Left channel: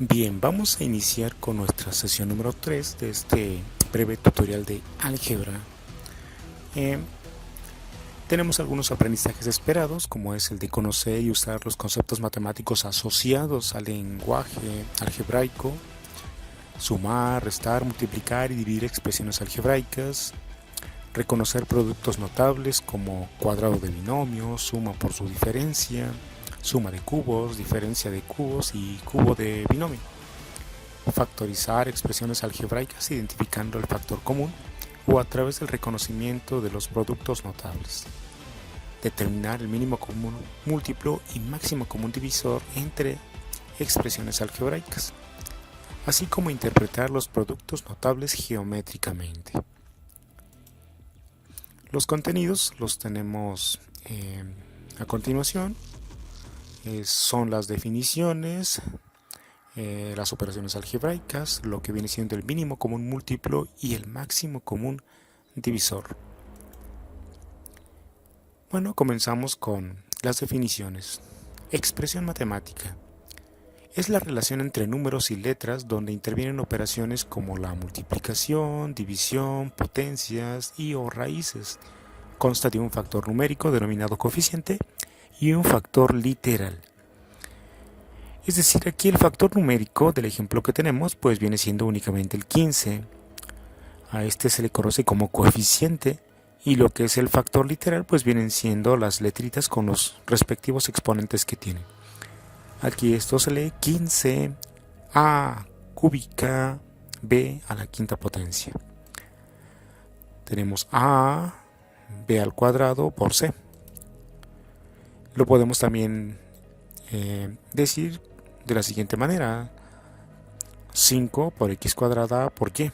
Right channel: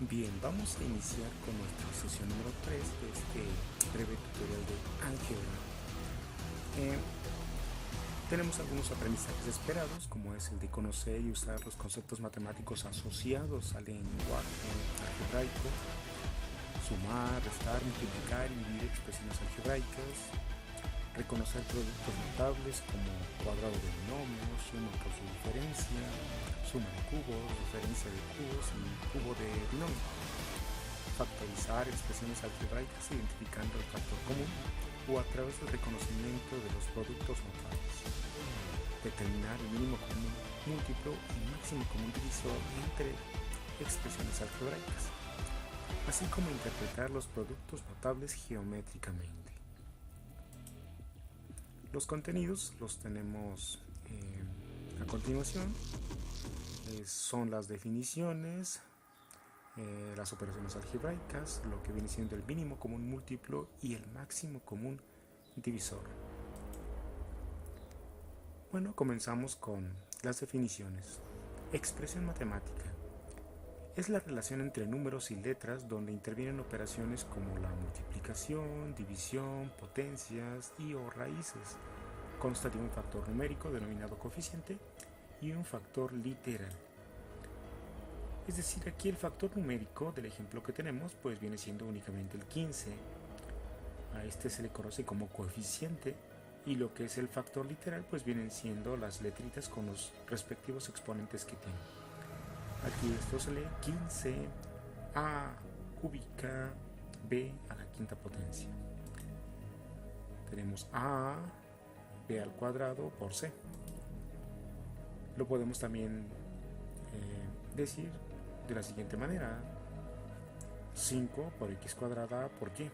Bien, vamos a iniciar con nuestra sesión número 3 de este breve tutorial de álgebra. Tenemos algunos aprendizajes esperados, como es el de conocer y usar los conceptos matemáticos asociados al lenguaje algebraico, sumar, restar, multiplicar y dividir expresiones algebraicas, reconocer productos notables como cuadrado de binomio, suma por su diferencia, suma de cubos, diferencia de cubos y cubo de binomio. Factorizar expresiones algebraicas identificando el factor común o a través del reconocimiento de los productos notables. Determinar el mínimo común múltiplo y máximo común divisor entre expresiones algebraicas, así como interpretar los productos notables geométricamente. Los contenidos los tenemos a continuación. Son las definiciones, las operaciones algebraicas, lo que viene siendo el mínimo común múltiplo y el máximo común divisor. Bueno, comenzamos con las definiciones. Expresión matemática. Es la relación entre números y letras donde intervienen operaciones como la multiplicación, división, potencias y o raíces. Consta de un factor numérico denominado coeficiente y un factor literal. Es decir, aquí el factor numérico del ejemplo que tenemos pues viene siendo únicamente el 15. A este se le conoce como coeficiente y lo que es el factor literal pues vienen siendo las letritas con los respectivos exponentes que tienen. Aquí esto se lee 15 a cúbica b a la quinta potencia. Tenemos a b al cuadrado por c. Lo podemos también decir de la siguiente manera: 5 por x cuadrada por y.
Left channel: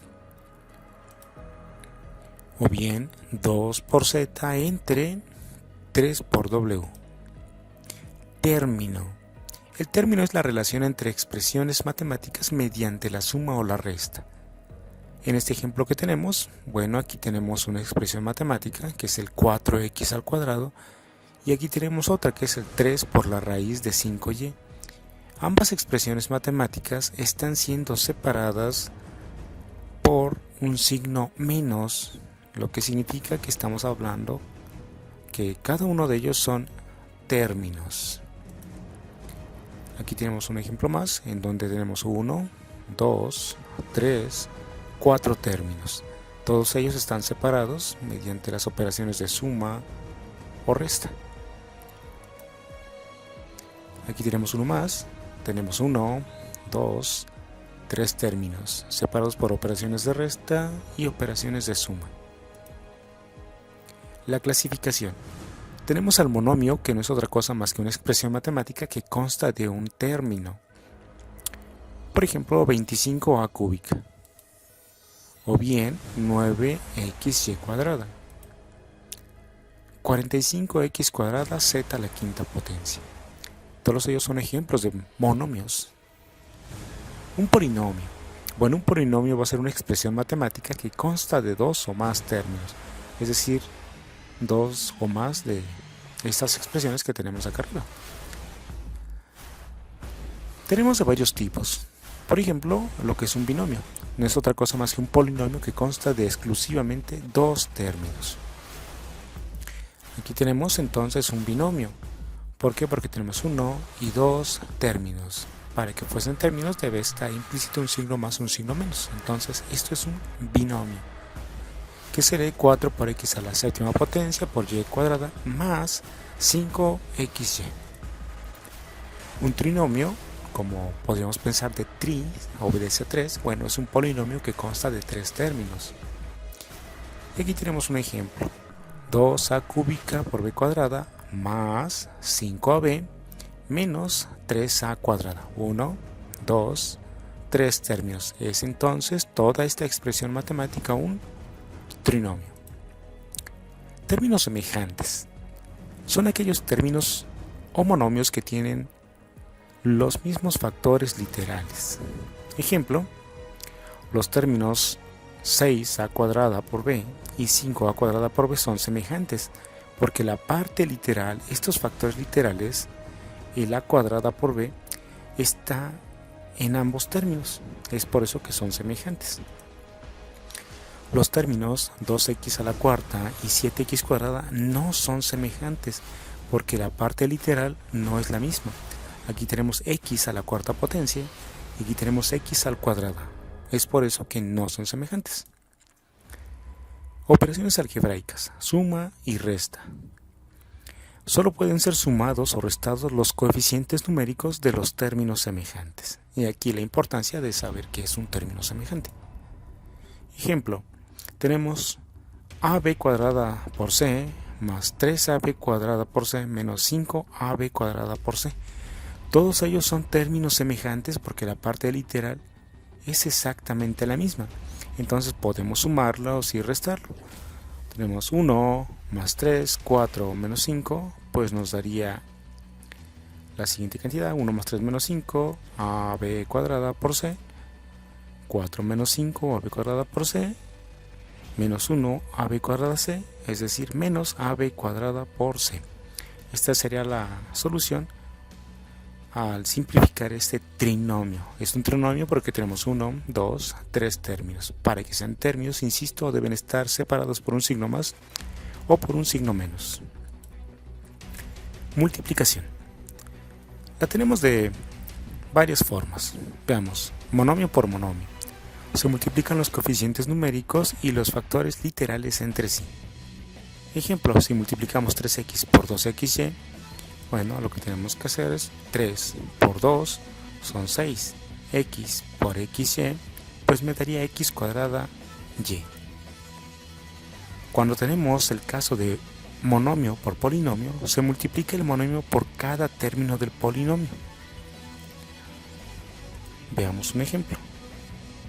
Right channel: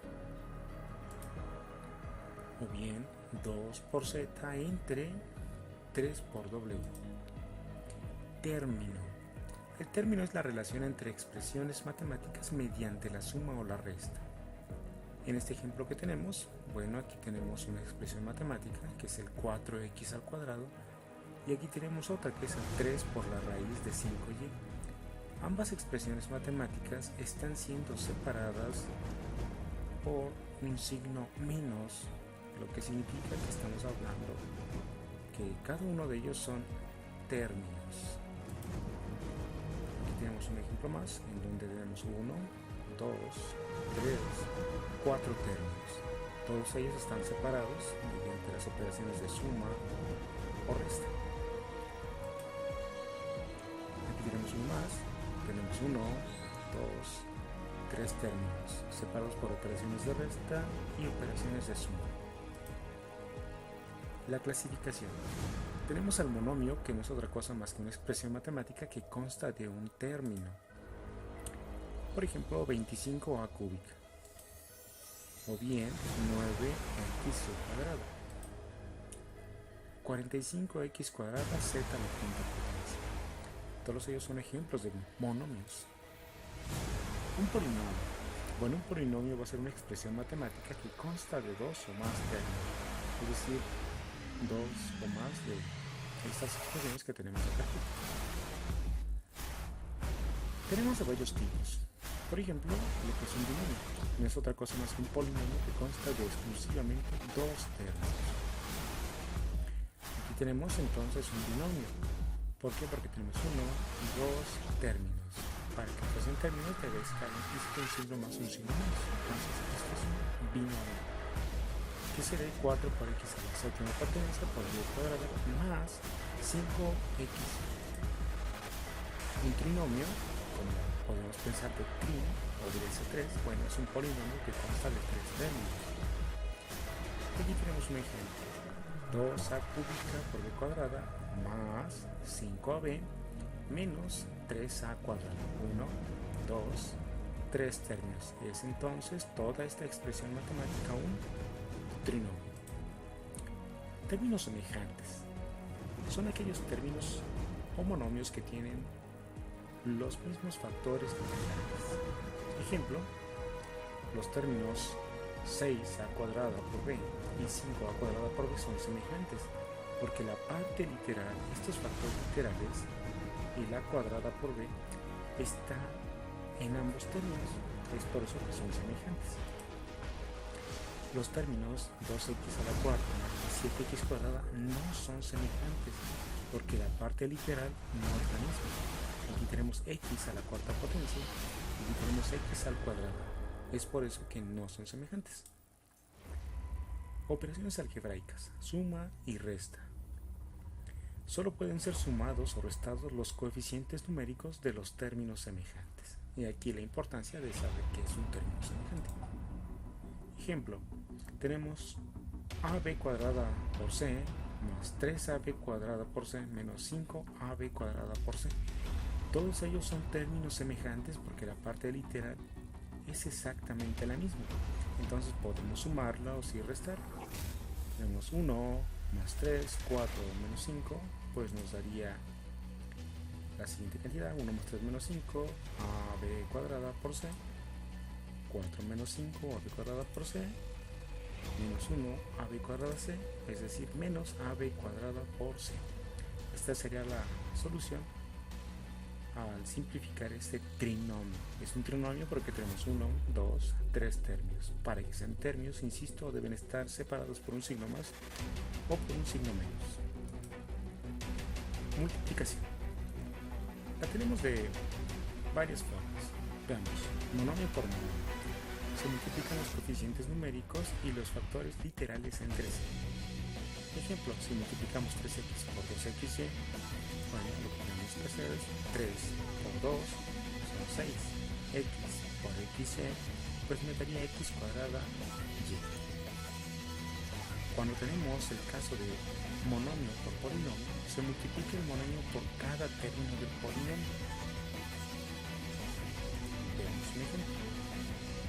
O bien 2 por z entre 3 por w. Término. El término es la relación entre expresiones matemáticas mediante la suma o la resta. En este ejemplo que tenemos, bueno, aquí tenemos una expresión matemática que es el 4x al cuadrado y aquí tenemos otra que es el 3 por la raíz de 5y. Ambas expresiones matemáticas están siendo separadas por un signo menos, lo que significa que estamos hablando que cada uno de ellos son términos. Aquí tenemos un ejemplo más en donde tenemos 1, 2, 3, 4 términos. Todos ellos están separados mediante las operaciones de suma o resta. Aquí tenemos uno más. Tenemos 1, 2, 3 términos separados por operaciones de resta y operaciones de suma. La clasificación. Tenemos al monomio, que no es otra cosa más que una expresión matemática que consta de un término. Por ejemplo, 25a cúbica. O bien 9xy cuadrada. 45x cuadrada z a la quinta potencia. Todos ellos son ejemplos de monomios. Un polinomio. Bueno, un polinomio va a ser una expresión matemática que consta de dos o más términos. Es decir, dos o más de estas expresiones que tenemos acá arriba. Tenemos de varios tipos. Por ejemplo, lo que es un binomio. No es otra cosa más que un polinomio que consta de exclusivamente dos términos. Aquí tenemos entonces un binomio. ¿Por qué? Porque tenemos uno y dos términos. Para que fuesen términos debe estar implícito un signo más un signo menos. Entonces esto es un binomio, que se lee 4 por x a la séptima potencia por y cuadrada más 5xy. Un trinomio, como podríamos pensar de tri, obedece a 3, bueno, es un polinomio que consta de 3 términos. Y aquí tenemos un ejemplo: 2a cúbica por b cuadrada más 5ab menos 3a cuadrada. 1, 2, 3 términos. Es entonces toda esta expresión matemática un trinomio. Términos semejantes. Son aquellos términos o monomios que tienen los mismos factores literales. Ejemplo: los términos 6a cuadrada por b y 5a cuadrada por b son semejantes, porque la parte literal, estos factores literales, el a cuadrada por b, está en ambos términos. Es por eso que son semejantes. Los términos 2x a la cuarta y 7x cuadrada no son semejantes porque la parte literal no es la misma. Aquí tenemos x a la cuarta potencia y aquí tenemos x al cuadrado. Es por eso que no son semejantes. Operaciones algebraicas, suma y resta. Solo pueden ser sumados o restados los coeficientes numéricos de los términos semejantes. Y aquí la importancia de saber qué es un término semejante. Ejemplo, tenemos ab cuadrada por c más 3ab cuadrada por c menos 5ab cuadrada por c. Todos ellos son términos semejantes porque la parte literal es exactamente la misma. Entonces podemos sumarlos y restarlos. Tenemos 1 más 3, 4 menos 5, pues nos daría la siguiente cantidad: 1 más 3 menos 5, ab cuadrada por c, 4 menos 5, ab cuadrada por c, menos 1, ab cuadrada c, es decir, menos ab cuadrada por c. Esta sería la solución al simplificar este trinomio. Es un trinomio porque tenemos 1, 2, 3 términos. Para que sean términos, insisto, deben estar separados por un signo más o por un signo menos. Multiplicación. La tenemos de varias formas. Veamos, monomio por monomio. Se multiplican los coeficientes numéricos y los factores literales entre sí. Ejemplo, si multiplicamos 3x por 2xy, bueno, lo que tenemos que hacer es 3 por 2 son 6. X por xy, pues me daría x cuadrada y. Cuando tenemos el caso de monomio por polinomio, se multiplica el monomio por cada término del polinomio. Veamos un ejemplo.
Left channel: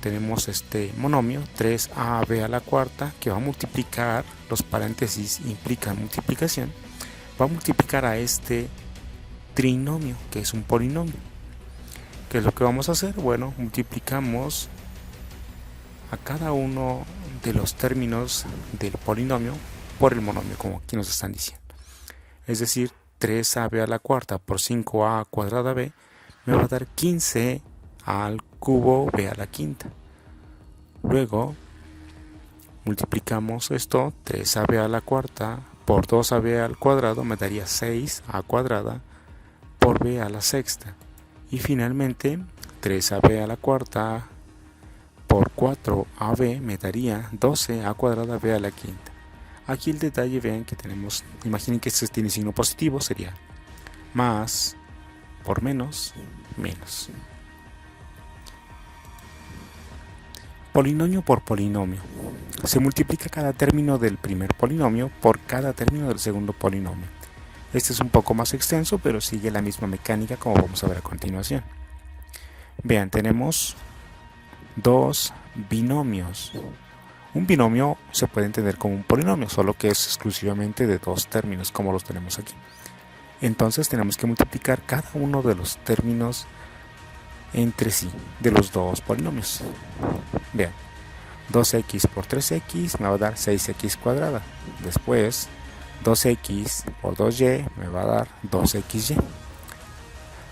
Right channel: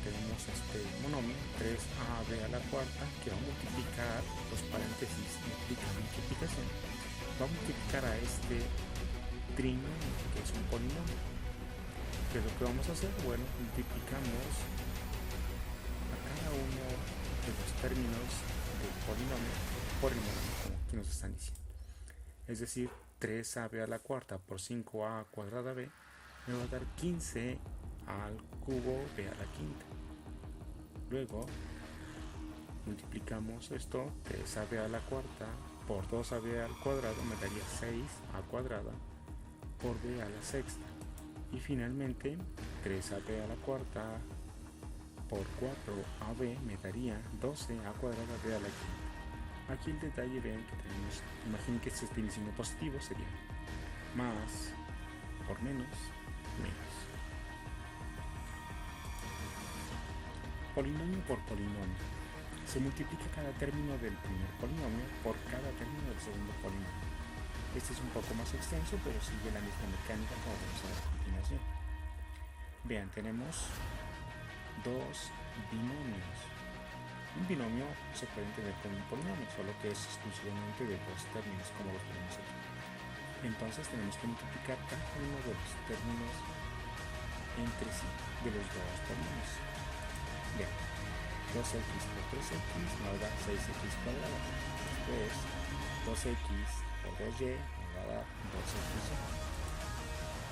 Tenemos este monomio 3ab a la cuarta que va a multiplicar, los paréntesis implican multiplicación, va a multiplicar a este trinomio que es un polinomio. ¿Qué es lo que vamos a hacer? Bueno, multiplicamos a cada uno de los términos del polinomio por el monomio, como aquí nos están diciendo. Es decir, 3ab a la cuarta por 5a cuadrada b me va a dar 15 al cubo b a la quinta. Luego multiplicamos esto, 3ab a la cuarta por 2ab al cuadrado me daría 6a cuadrada por b a la sexta. Y finalmente 3ab a la cuarta por 4ab me daría 12a cuadrada b a la quinta. Aquí el detalle, vean que tenemos, imaginen que este tiene signo positivo, sería más por menos, menos. Polinomio por polinomio. Se multiplica cada término del primer polinomio por cada término del segundo polinomio. Este es un poco más extenso, pero sigue la misma mecánica como vamos a ver a continuación. Vean, tenemos dos binomios. Un binomio se puede entender como un polinomio, solo que es exclusivamente de dos términos, como los tenemos aquí. Entonces tenemos que multiplicar cada uno de los términos entre sí, de los dos polinomios. Vean, 2x por 3x me va a dar 6x cuadrada. Después, 2x por 2y me va a dar 2xy.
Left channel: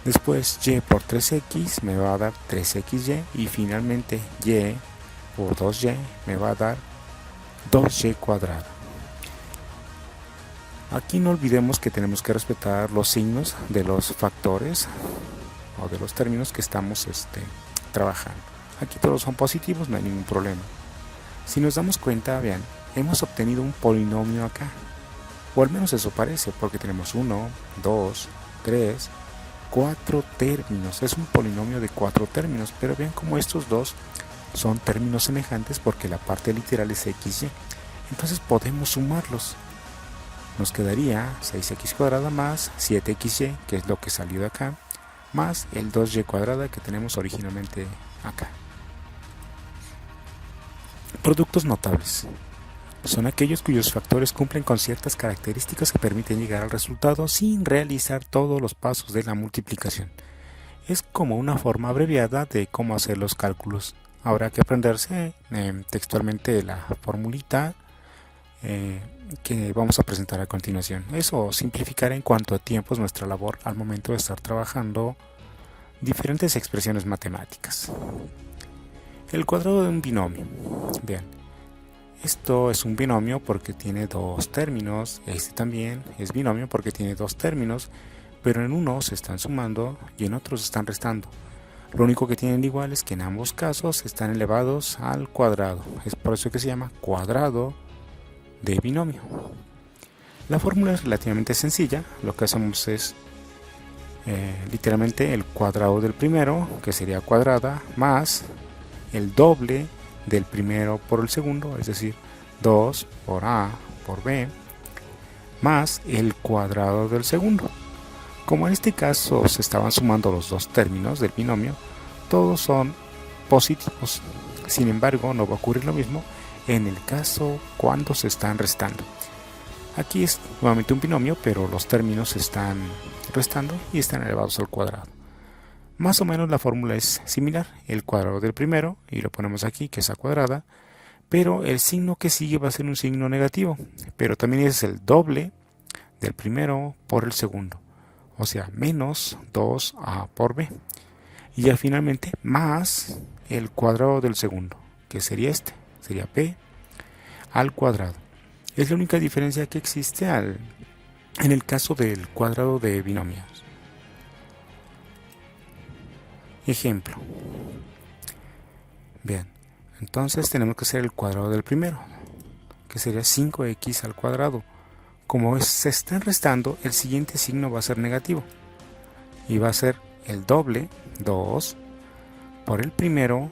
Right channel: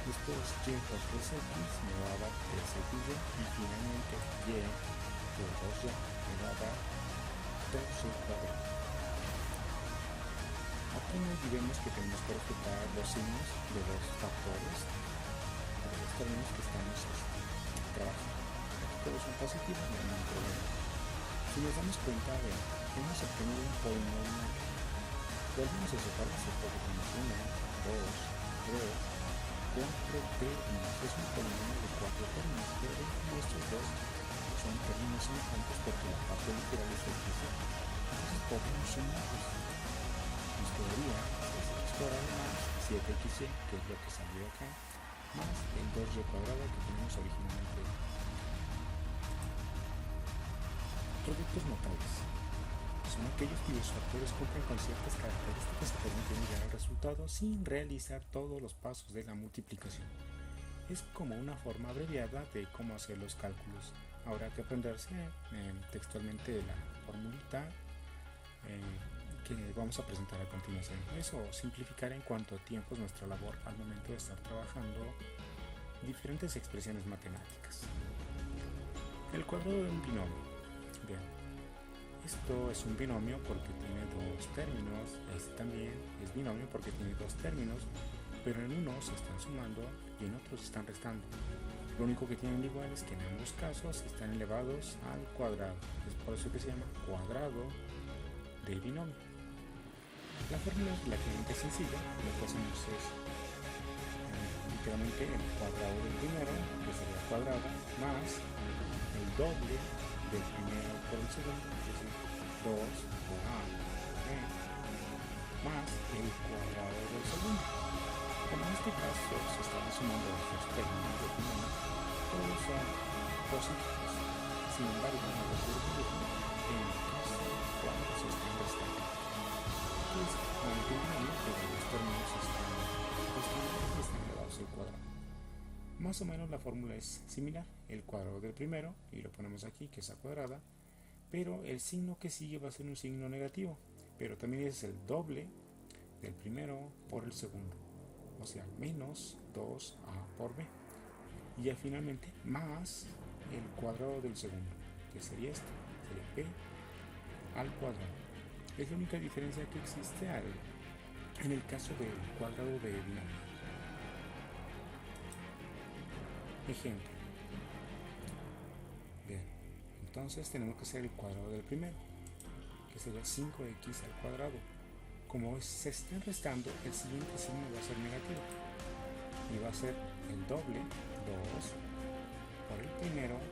Después, y por 3x me va a dar 3xy. Y finalmente, y por 2y me va a dar 2y cuadrada. Aquí no olvidemos que tenemos que respetar los signos de los factores o de los términos que estamos trabajando. Aquí todos son positivos, no hay ningún problema. Si nos damos cuenta, vean, hemos obtenido un polinomio acá, o al menos eso parece, porque tenemos 1, 2, 3, 4 términos. Es un polinomio de 4 términos, pero vean cómo estos dos son términos semejantes porque la parte literal es xy. Entonces podemos sumarlos. Nos quedaría 6x cuadrada más 7xy, que es lo que salió de acá, más el 2y cuadrada que tenemos originalmente acá. Productos notables. Son aquellos cuyos factores cumplen con ciertas características que permiten llegar al resultado sin realizar todos los pasos de la multiplicación. Es como una forma abreviada de cómo hacer los cálculos. Habrá que aprenderse textualmente la formulita que vamos a presentar a continuación. Eso simplificará en cuanto a tiempos nuestra labor al momento de estar trabajando diferentes expresiones matemáticas. El cuadrado de un binomio. Bien, esto es un binomio porque tiene dos términos. Este también es binomio porque tiene dos términos, pero en uno se están sumando y en otro se están restando. Lo único que tienen igual es que en ambos casos están elevados al cuadrado. Es por eso que se llama cuadrado de binomio. La fórmula es relativamente sencilla. Lo que hacemos es literalmente el cuadrado del primero, que sería cuadrada, más el doble del primero por el segundo, es decir, 2 por A por B, más el cuadrado del segundo. Como en este caso se estaban sumando los dos términos del binomio, todos son positivos. Sin embargo, no va a ocurrir lo mismo en el caso cuando se están restando. Aquí es nuevamente un binomio, pero los términos se están restando y están elevados al cuadrado. Más o menos la fórmula es similar, el cuadrado del primero, y lo ponemos aquí, que es a cuadrada, pero el signo que sigue va a ser un signo negativo, pero también es el doble del primero por el segundo, o sea, menos 2a por b, y ya finalmente más el cuadrado del segundo, que sería sería b al cuadrado. Es la única diferencia que existe en el caso del cuadrado de binomios. Ejemplo. Bien, entonces tenemos que hacer el cuadrado del primero, que sería 5x al cuadrado. Como se están restando, el siguiente signo va a ser negativo y va a ser el doble, 2, por el primero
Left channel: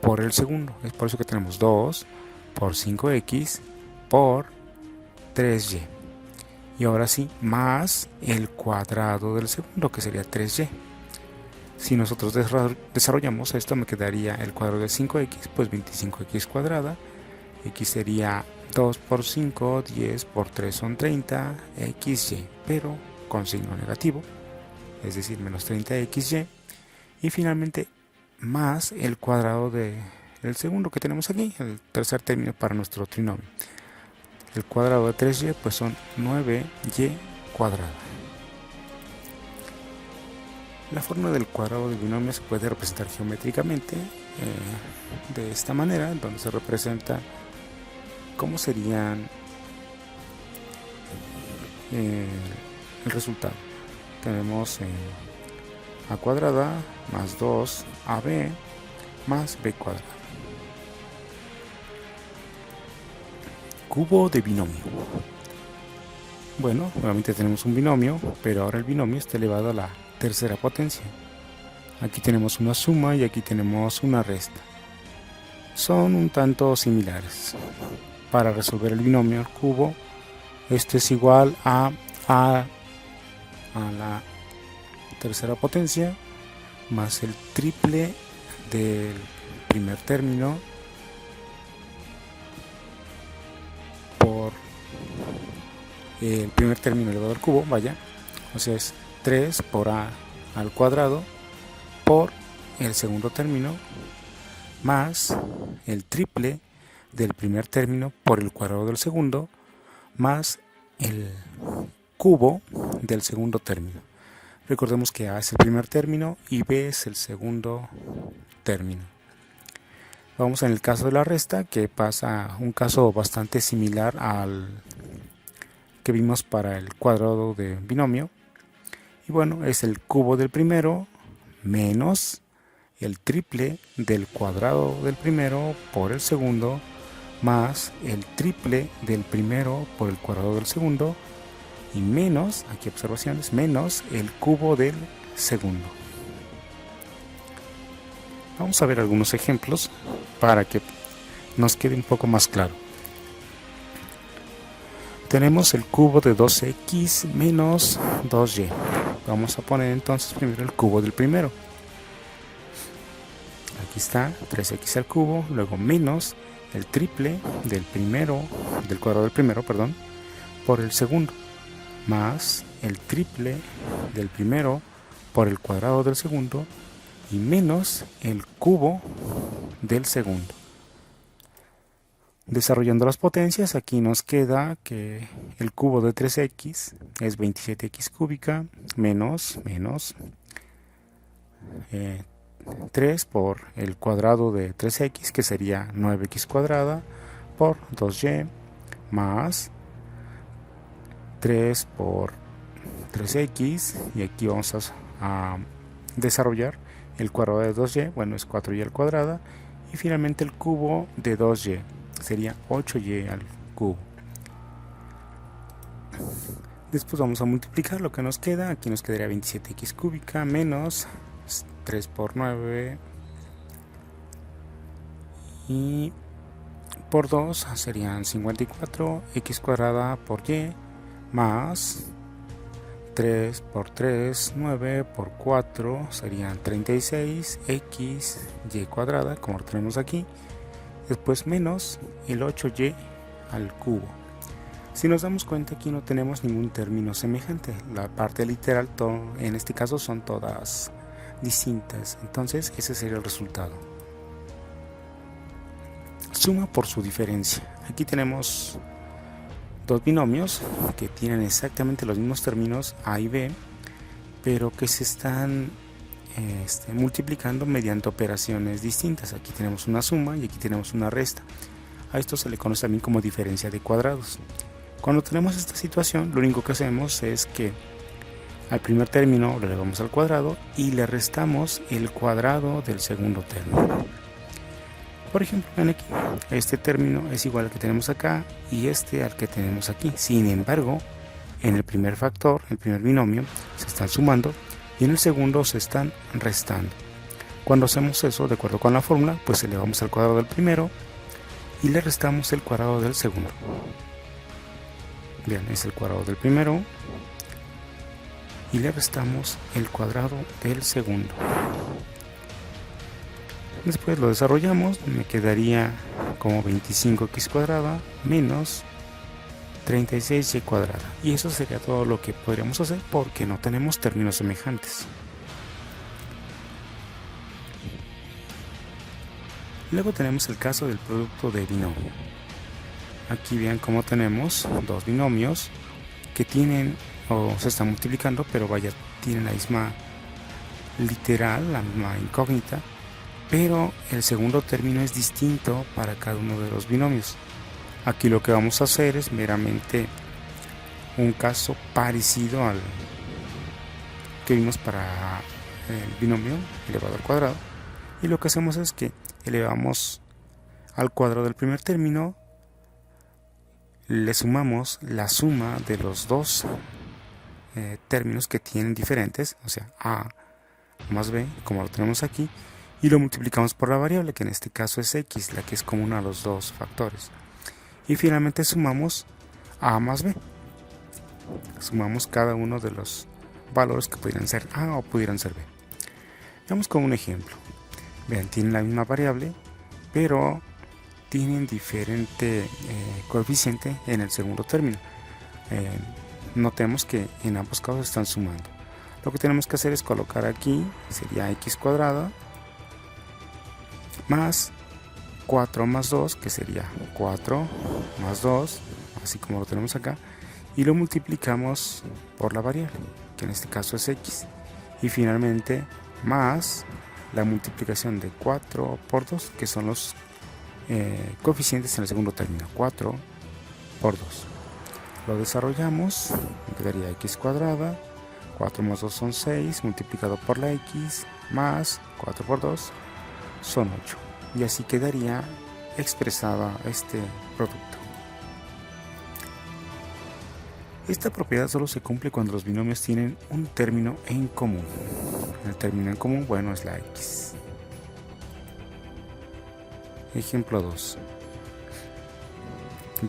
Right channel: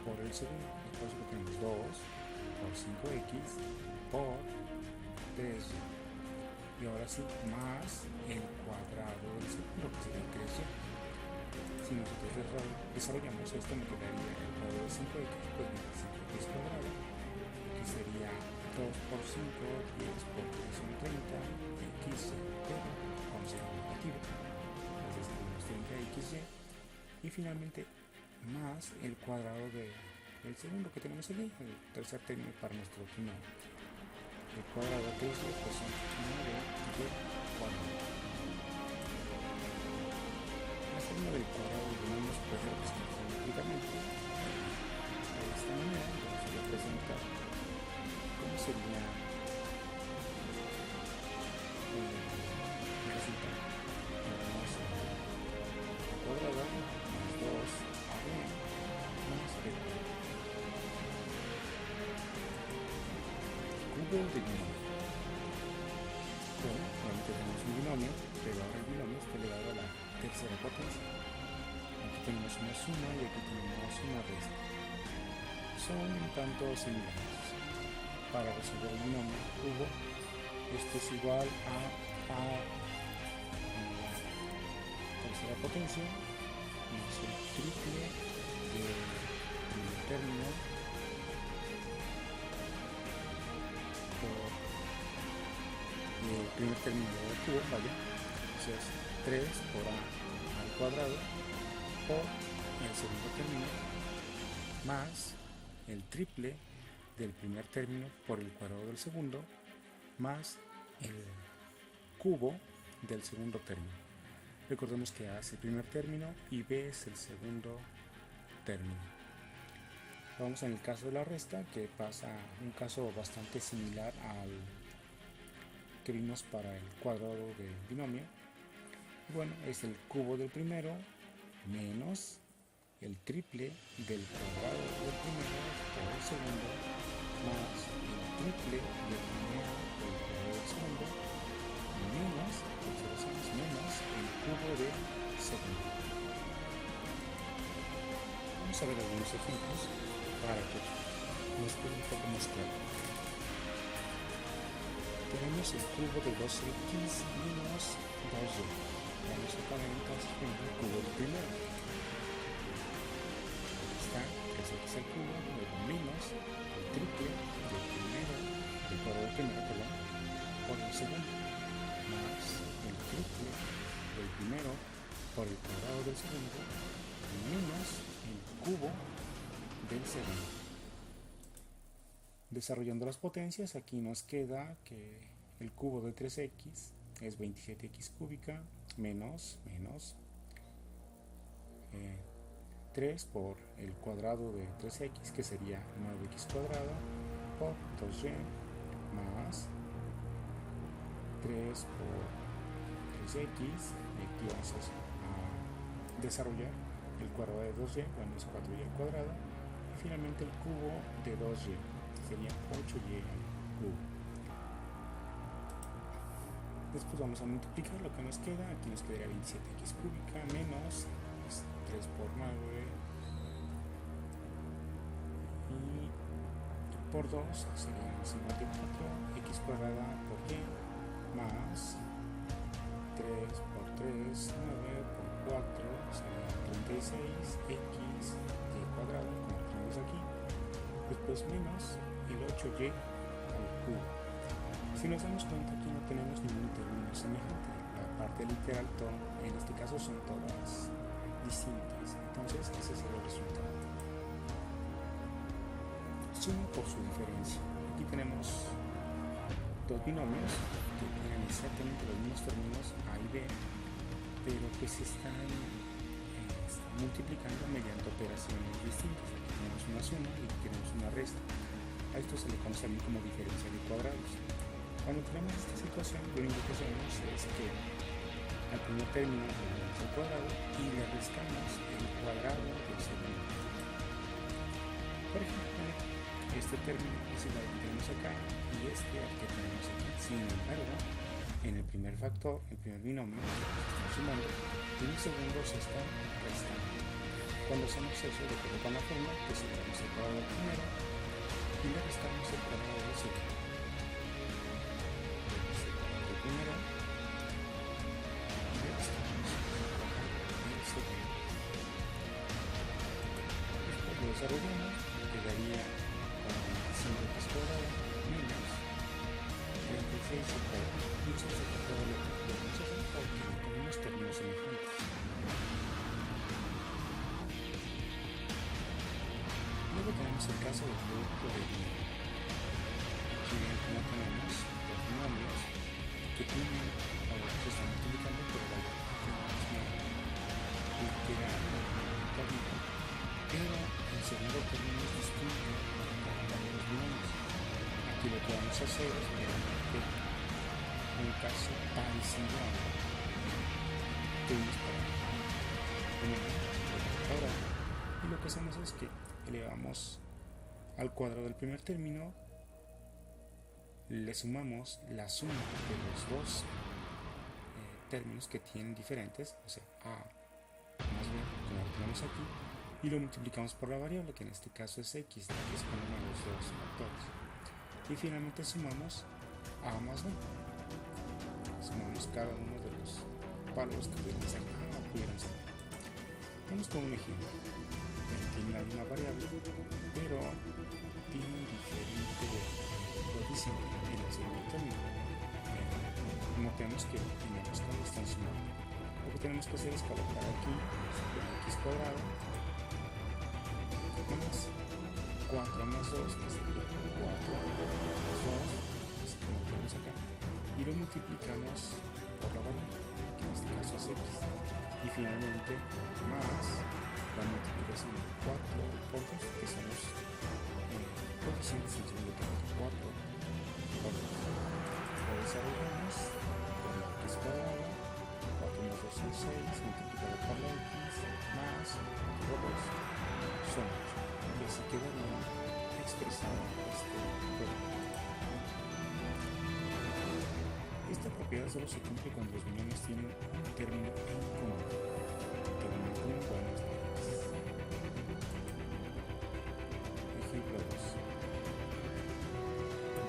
por el segundo. Es por eso que tenemos 2 por 5x por 3y. Y ahora sí, más el cuadrado del segundo, que sería 3y. Si nosotros desarrollamos esto, me quedaría el cuadrado de 5x, pues 25x cuadrada. X sería 2 por 5, 10 por 3 son 30, xy, pero con signo negativo, es decir, menos 30xy. Y finalmente, más el cuadrado del segundo que tenemos aquí, el tercer término para nuestro trinomio. El cuadrado de 3y, pues son 9y cuadrada. La forma del cuadrado del binomio se puede representar geométricamente de esta manera, donde se representa cómo serían el resultado. Tenemos a cuadrada más 2ab más b cuadrada. Cubo de binomio. Bueno, nuevamente tenemos un binomio, pero ahora el binomio está elevado a la tercera potencia. Aquí tenemos una suma y aquí tenemos una resta. Son un tanto similares. Para resolver el binomio al cubo, este es igual a la tercera potencia más el triple del primer término por el primer término elevado al cubo, vaya, o sea es 3 por a al cuadrado por el segundo término más el triple del primer término por el cuadrado del segundo más el cubo del segundo término. Recordemos que a es el primer término y b es el segundo término. Vamos en el caso de la resta, que pasa un caso bastante similar al que vimos para el cuadrado de binomio. Y bueno, es el cubo del primero menos el triple del cuadrado del primero por el segundo más el triple del primero por el cuadrado del segundo y menos, aquí observaciones, menos el cubo del segundo. Vamos a ver algunos ejemplos para que nos quede un poco más claro. Tenemos el cubo de 2x menos 2y. Vamos a poner entonces primero el cubo del primero. Aquí está 3x al cubo, luego menos el triple del cuadrado del primero, por el segundo, más el triple del primero por el cuadrado del segundo y menos el cubo del segundo. Desarrollando las potencias, aquí nos queda que el cubo de 3x es 27x cúbica menos 3 por el cuadrado de 3x, que sería 9x cuadrada por 2y, más 3 por 3x, y aquí vamos a desarrollar el cuadrado de 2y, bueno, es 4y al cuadrado, y finalmente el cubo de 2y sería 8y al cubo. Después vamos a multiplicar lo que nos queda. Aquí nos quedaría 27x cúbica menos 3 por 9 y por 2 serían 54x cuadrada por y, más 3 por 3, 9 por 4 serían 36x y cuadrada, como lo tenemos aquí. Después menos el 8y al cubo. Si nos damos cuenta, aquí no tenemos ningún término semejante. La parte literal, en este caso, son todas distintas. Entonces, ese sería el resultado. Suma por su diferencia. Aquí tenemos dos binomios que tienen exactamente los mismos términos a y b, pero que se están multiplicando mediante operaciones distintas. Aquí tenemos una suma y aquí tenemos una resta. A esto se le conoce también como diferencia de cuadrados. Cuando tenemos esta situación, lo único que hacemos es que al primer término lo elevamos al cuadrado y le restamos el cuadrado del segundo término. Por ejemplo, aquí, este término es igual al que tenemos acá y este al que tenemos aquí. Sin embargo, en el primer factor, el primer binomio, se están sumando y en el segundo se están restando. Cuando hacemos eso, de acuerdo con la fórmula, pues elevamos al cuadrado del primero y le restamos el cuadrado del segundo. Bien, es el cuadrado del primero y le restamos el cuadrado del segundo. Después lo desarrollamos, me quedaría como 25x cuadrada menos 36y cuadrada. Y eso sería todo lo que podríamos hacer porque no tenemos términos semejantes. Luego tenemos el caso del producto de binomio. Aquí vean cómo tenemos dos binomios que tienen o se están multiplicando, pero tienen la misma literal, la misma incógnita, pero el segundo término es distinto para cada uno de los binomios. Aquí lo que vamos a hacer es meramente un caso parecido al que vimos para el binomio elevado al cuadrado, y lo que hacemos es que elevamos al cuadrado del primer término, le sumamos la suma de los dos términos que tienen diferentes, o sea, a más b, como lo tenemos aquí, y lo multiplicamos por la variable, que en este caso es x, la que es común a los dos factores. Y finalmente sumamos a más b. Sumamos cada uno de los valores que pudieran ser a o pudieran ser b. Veamos como un ejemplo. Vean, tienen la misma variable, pero tienen diferente coeficiente en el segundo término. Notemos que en ambos casos están sumando. Lo que tenemos que hacer es colocar aquí, sería x cuadrada, más 4 más 2, que sería 4 más 2, así como lo tenemos acá, y lo multiplicamos por la variable, que en este caso es x, y finalmente más la multiplicación de 4 por 2, que son los coeficientes en el segundo término, 4 por 2. Lo desarrollamos, me quedaría x cuadrada, 4 más 2 son 6, multiplicado por la x, más 4 por 2 son 8. Y así quedaría expresada este producto. Esta propiedad solo se cumple cuando los binomios tienen un término en común. El término en común, bueno, es la x. Ejemplo 2.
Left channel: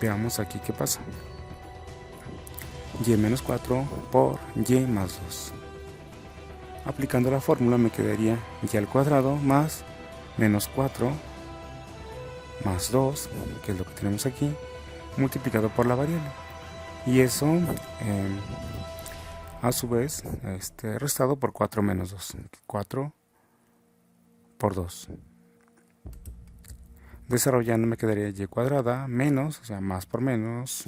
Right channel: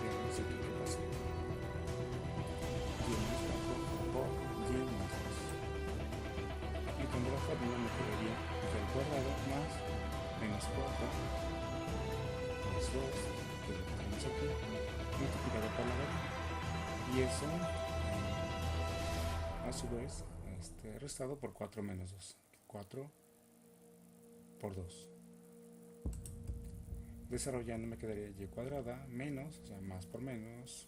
Veamos aquí qué pasa. Y menos 4 por y más 2. Aplicando la fórmula me quedaría y al cuadrado más menos 4 más 2, que es lo que tenemos aquí, multiplicado por la variable. Y eso a su vez restado por 4 menos 2. 4 por 2. Desarrollando me quedaría y cuadrada menos, o sea, más por menos,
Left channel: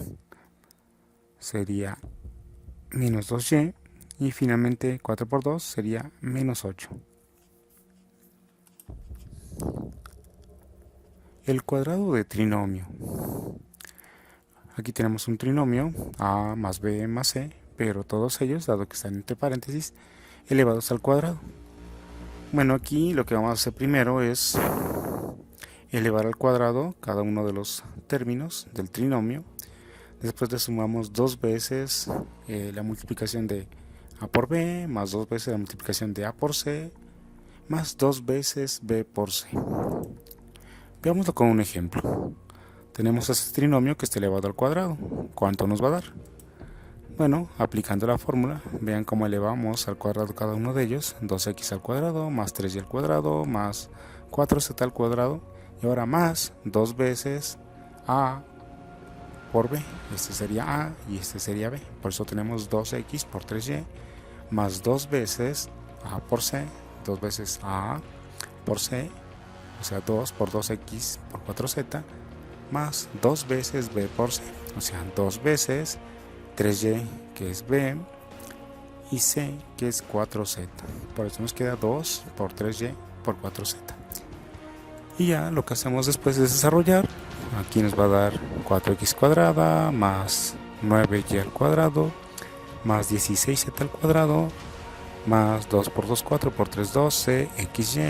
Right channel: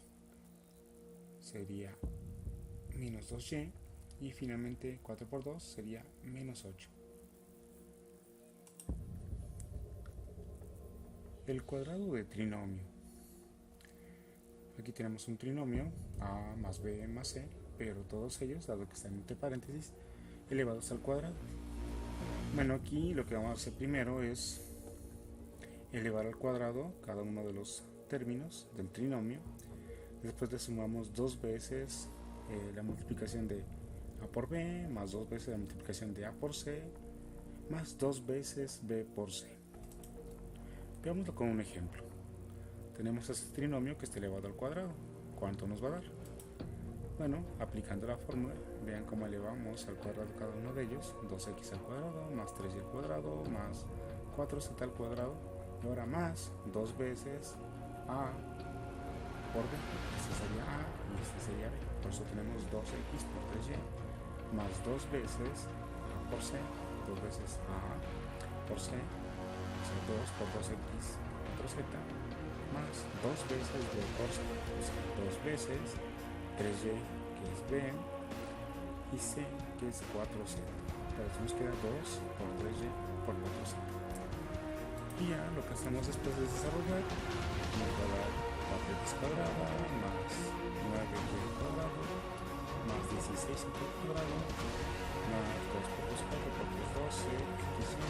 sería menos 2y, y finalmente 4 por 2 sería menos 8. El cuadrado de trinomio. Aquí tenemos un trinomio a más b más c, pero todos ellos, dado que están entre paréntesis, elevados al cuadrado. Bueno, aquí lo que vamos a hacer primero es elevar al cuadrado cada uno de los términos del trinomio. Después le sumamos dos veces la multiplicación de a por b, más dos veces la multiplicación de a por c, más dos veces b por c. Veámoslo con un ejemplo. Tenemos este trinomio que está elevado al cuadrado. ¿Cuánto nos va a dar? Bueno, aplicando la fórmula, vean cómo elevamos al cuadrado cada uno de ellos. 2x al cuadrado, más 3y al cuadrado, más 4z al cuadrado. Y ahora más dos veces a por b. Este sería a y este sería b. Por eso tenemos 2x por 3y, más dos veces a por c, dos veces a por c, o sea 2 por 2x por 4z, más dos veces b por c, o sea dos veces 3y que es b y c que es 4z. Por eso nos queda 2 por 3y por 4z. Y ya lo que hacemos después es desarrollar. Aquí nos va a dar 4x cuadrada más 9y al cuadrado más 16z al cuadrado más 2 por 2 4 por 3 12 xy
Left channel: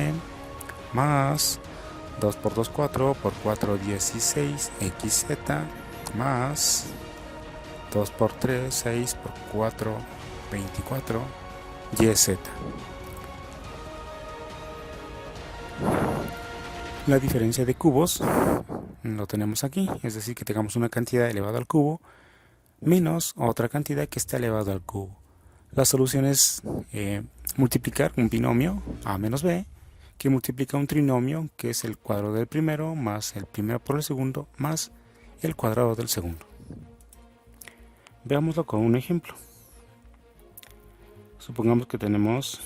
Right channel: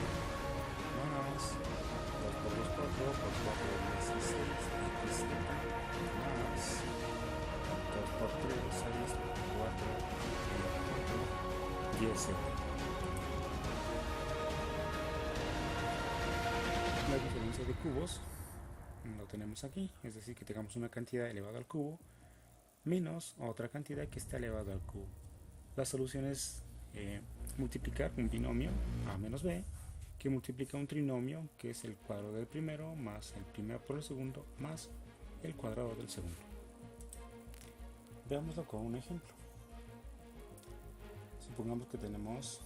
más 2 por 2 4 por 4 16 xz más 2 por 3 6 por 4 24 yz. La diferencia de cubos lo tenemos aquí, es decir, que tengamos una cantidad elevada al cubo menos otra cantidad que está elevada al cubo. La solución es multiplicar un binomio a menos b que multiplica un trinomio que es el cuadrado del primero más el primero por el segundo más el cuadrado del segundo. Veámoslo con un ejemplo. Supongamos que tenemos